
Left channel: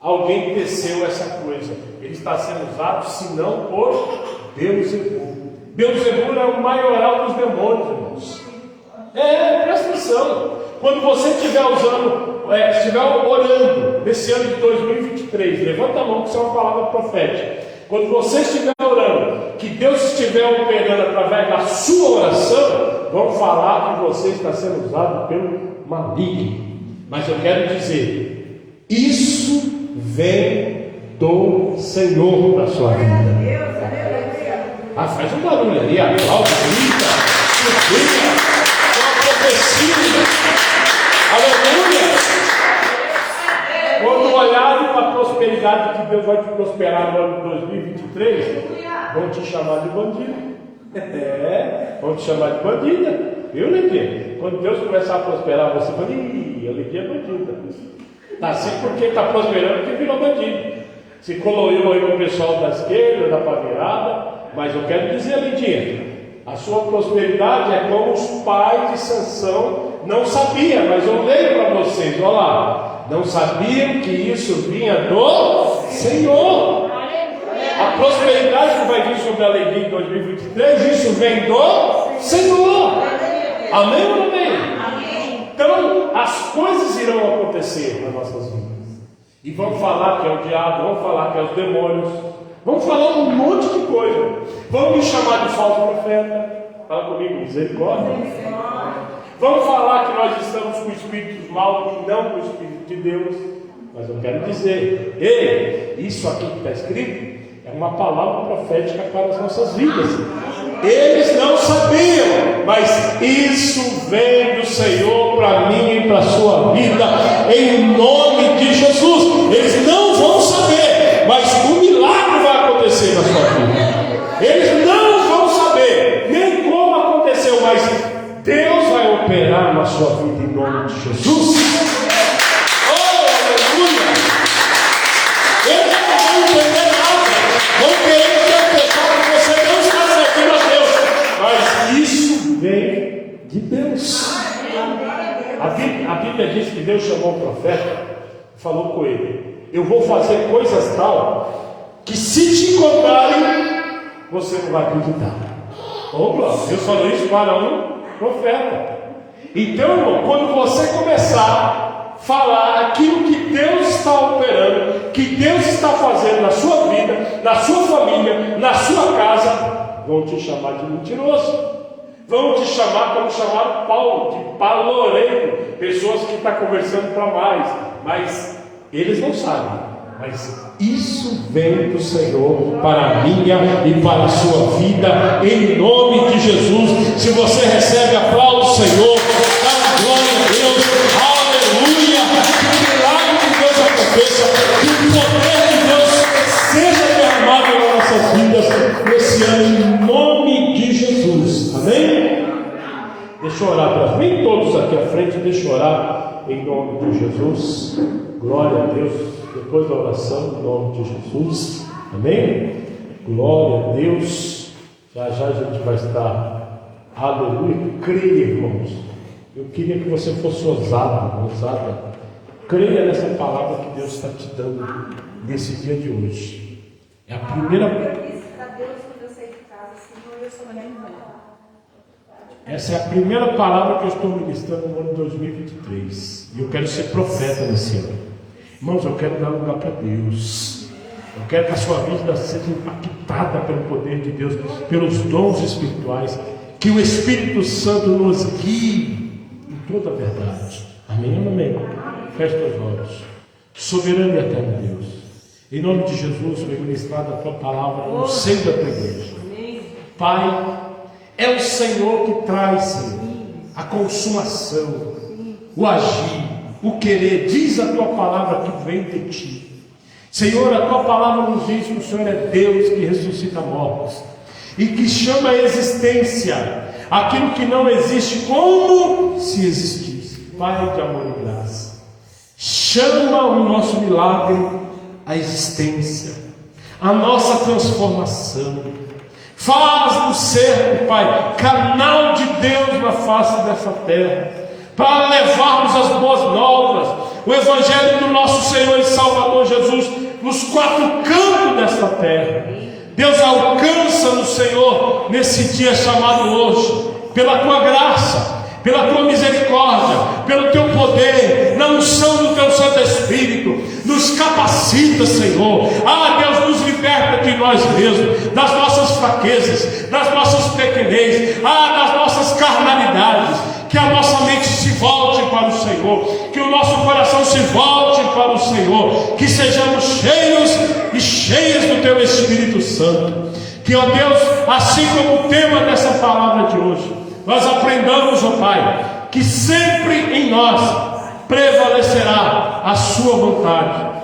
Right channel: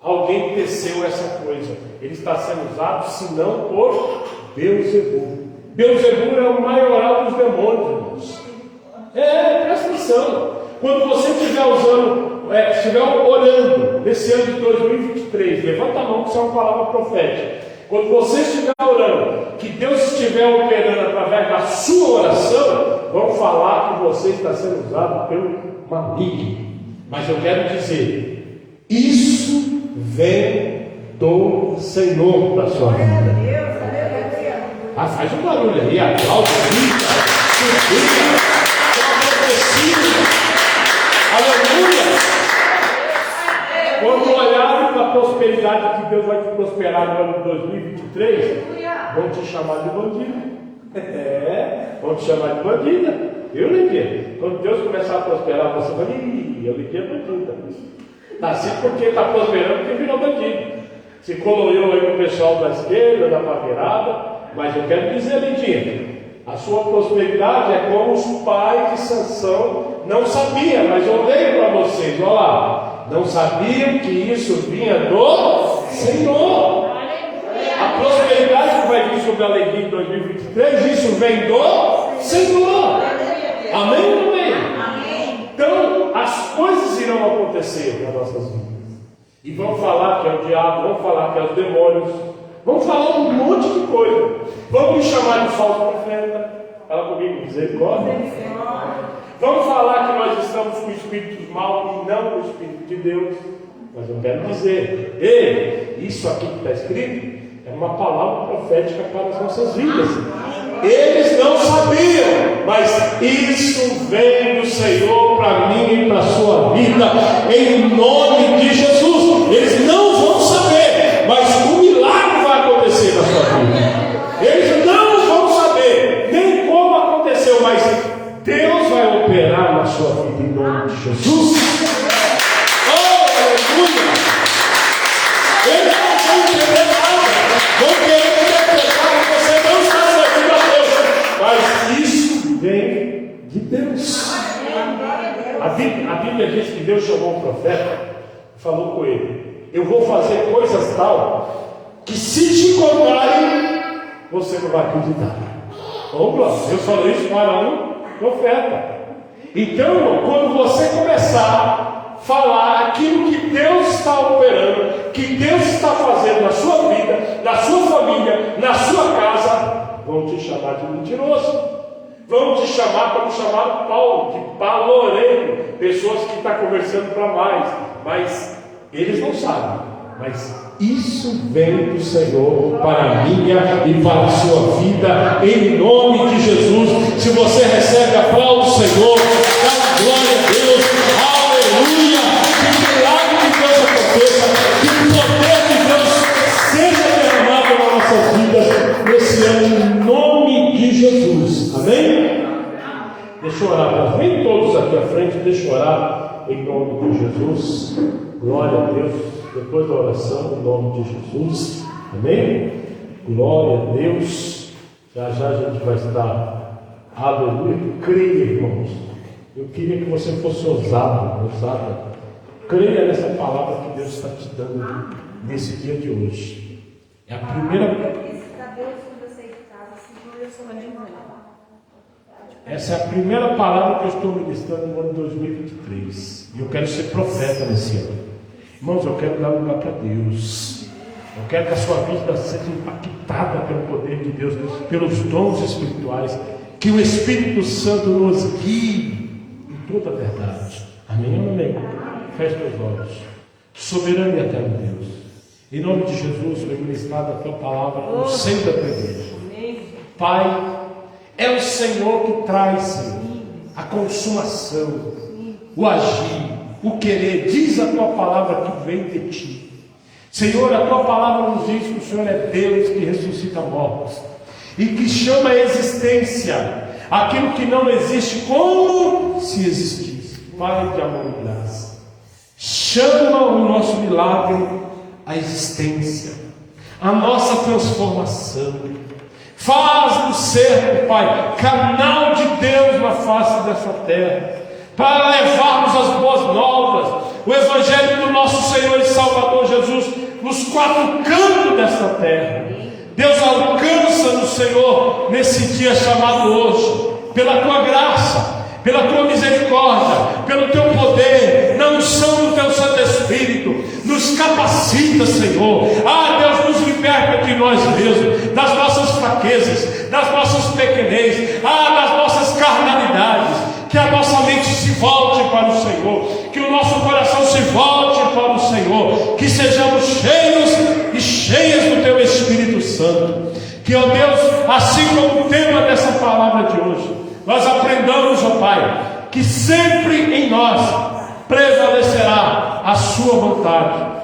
alguém teceu essa coisa: ele está sendo usado, senão por Beelzebul. Beelzebul é o maioral dos demônios, irmãos. Presta atenção. Quando você estiver estiver orando nesse ano de 2023, levanta a mão, que isso é uma palavra profética. Quando você estiver orando, que Deus estiver operando através da sua oração, vão falar que você está sendo usado pelo maligno. Mas eu quero dizer, isso vem do Senhor para a sua vida. Faz um barulho aí, aplaude, grita, aleluia. Quando olharem para a prosperidade que Deus vai te prosperar no ano de 2023, vão te chamar de bandido. Vão te chamar de bandida. Viu, Lidia? Quando Deus começar a prosperar, você vai dizer: Lidia é bandida. Está assim porque está prosperando, porque virou bandido. Se coloriu aí com o pessoal da esquerda, da pavirada. Mas eu quero dizer, Lidinha, a sua prosperidade é como os pais de Sansão não sabiam, mas eu leio para vocês, olha lá, não sabiam que isso vinha do Senhor. A prosperidade que vai vir sobre a alegria em 2023, isso vem do Senhor. Amém ou não amém? Então, as coisas irão acontecer nas nossas vidas. E vão falar que é o diabo, vão falar que é os demônios. Vamos falar um monte de coisa. Vamos me chamar de falso profeta. Fala comigo, dizer glória. Vamos falar que nós estamos com espíritos maus e não com o Espírito de Deus. Mas eu quero dizer, isso aqui que está escrito é uma palavra profética para as nossas vidas. Eles não sabiam, mas isso vem do Senhor para mim e para a sua vida, em nome de Jesus. Eles não vão saber, mas o milagre vai acontecer na sua vida. Eles não vão saber nem como aconteceu, mas Deus vai operar na sua vida em nome de Jesus. Oh, aleluia! Eles não vão entender nada, vão querer interpretar que você não está servindo a Deus, mas isso vem de Deus. A Bíblia diz que Deus chamou o profeta, falou com ele: eu vou fazer coisas tal que se te contarem, você não vai acreditar. Oh, glória, Deus falou isso para um profeta. Então, quando você começar a falar aquilo que Deus está operando, que Deus está fazendo na sua vida, na sua família, na sua casa, vão te chamar de mentiroso. Vão te chamar como chamaram Paulo, de paloreiro, pessoas que estão conversando para mais, mas eles não sabem. Mas isso vem do Senhor para a minha e para a sua vida, em nome de Jesus. Se você recebe, aplaude o Senhor, dá glória a Deus, aleluia. Que o milagre de Deus aconteça, que o poder de Deus seja derramado nas nossas vidas nesse ano, em nome de Jesus. Amém? Deixa eu orar, vem todos aqui à frente, deixa eu orar em nome de Jesus. Glória a Deus. Depois da oração, em nome de Jesus. Amém? Glória a Deus. Já já a gente vai estar. Aleluia. Creia, irmãos. Eu queria que você fosse ousado. Creia nessa palavra que Deus está te dando nesse dia de hoje. É a primeira. Essa é a primeira palavra que eu estou ministrando no ano de 2023. E eu quero ser profeta nesse ano. Irmãos, eu quero dar lugar para Deus. Eu quero que a sua vida seja impactada pelo poder de Deus, pelos dons espirituais. Que o Espírito Santo nos guie em toda a verdade. Amém? Amém. Feche teus olhos. Soberano e eterno Deus, em nome de Jesus, foi ministrada a tua palavra no seio da tua igreja. Pai, é o Senhor que traz, Senhor, a consumação, o agir, o querer. Diz a tua palavra que vem de ti. Senhor, a tua palavra nos diz que o Senhor é Deus que ressuscita mortos e que chama a existência aquilo que não existe como se existisse. Pai de amor e graça, chama o nosso milagre à existência, a nossa transformação. Faz-nos ser, Pai, canal de Deus na face dessa terra, para levarmos as boas novas, o Evangelho do nosso Senhor e Salvador Jesus, nos quatro cantos dessa terra. Deus, alcança-nos, Senhor, nesse dia chamado hoje, pela Tua graça, pela Tua misericórdia, pelo Teu poder, na unção do Teu Santo Espírito. Nos capacita, Senhor. Deus, nos liberta de nós mesmos, das nossas fraquezas, das nossas pequenez, das nossas carnalidades. Que a nossa mente se volte para o Senhor, que o nosso coração se volte para o Senhor, que sejamos cheios e cheias do Teu Espírito Santo. Que, ó Deus, assim como o tema dessa palavra de hoje, nós aprendamos, ó Pai, que sempre em nós prevalecerá a Sua vontade.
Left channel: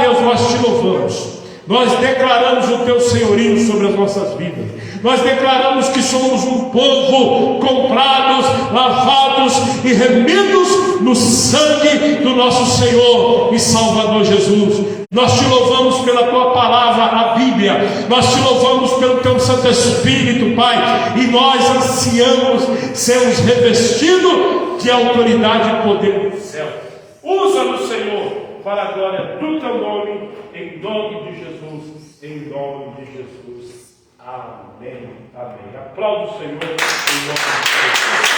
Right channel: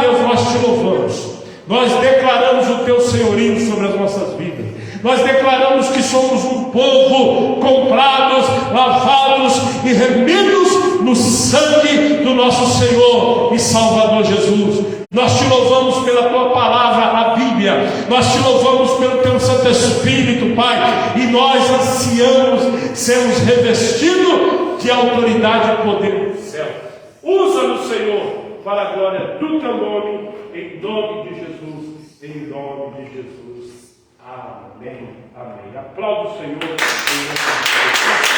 Deus, nós Te louvamos, nós declaramos o Teu senhorio sobre as nossas vidas. Nós declaramos que somos um povo comprados, lavados e remidos no sangue do nosso Senhor e Salvador Jesus. Nós Te louvamos pela Tua palavra, a Bíblia. Nós Te louvamos pelo Teu Santo Espírito, Pai. E nós ansiamos sermos revestidos de autoridade e poder do céu. Usa-nos, Senhor, para a glória do Teu nome, em nome de Jesus, em nome de Jesus. Amém. Amém. Aplauda o Senhor em nome de Jesus.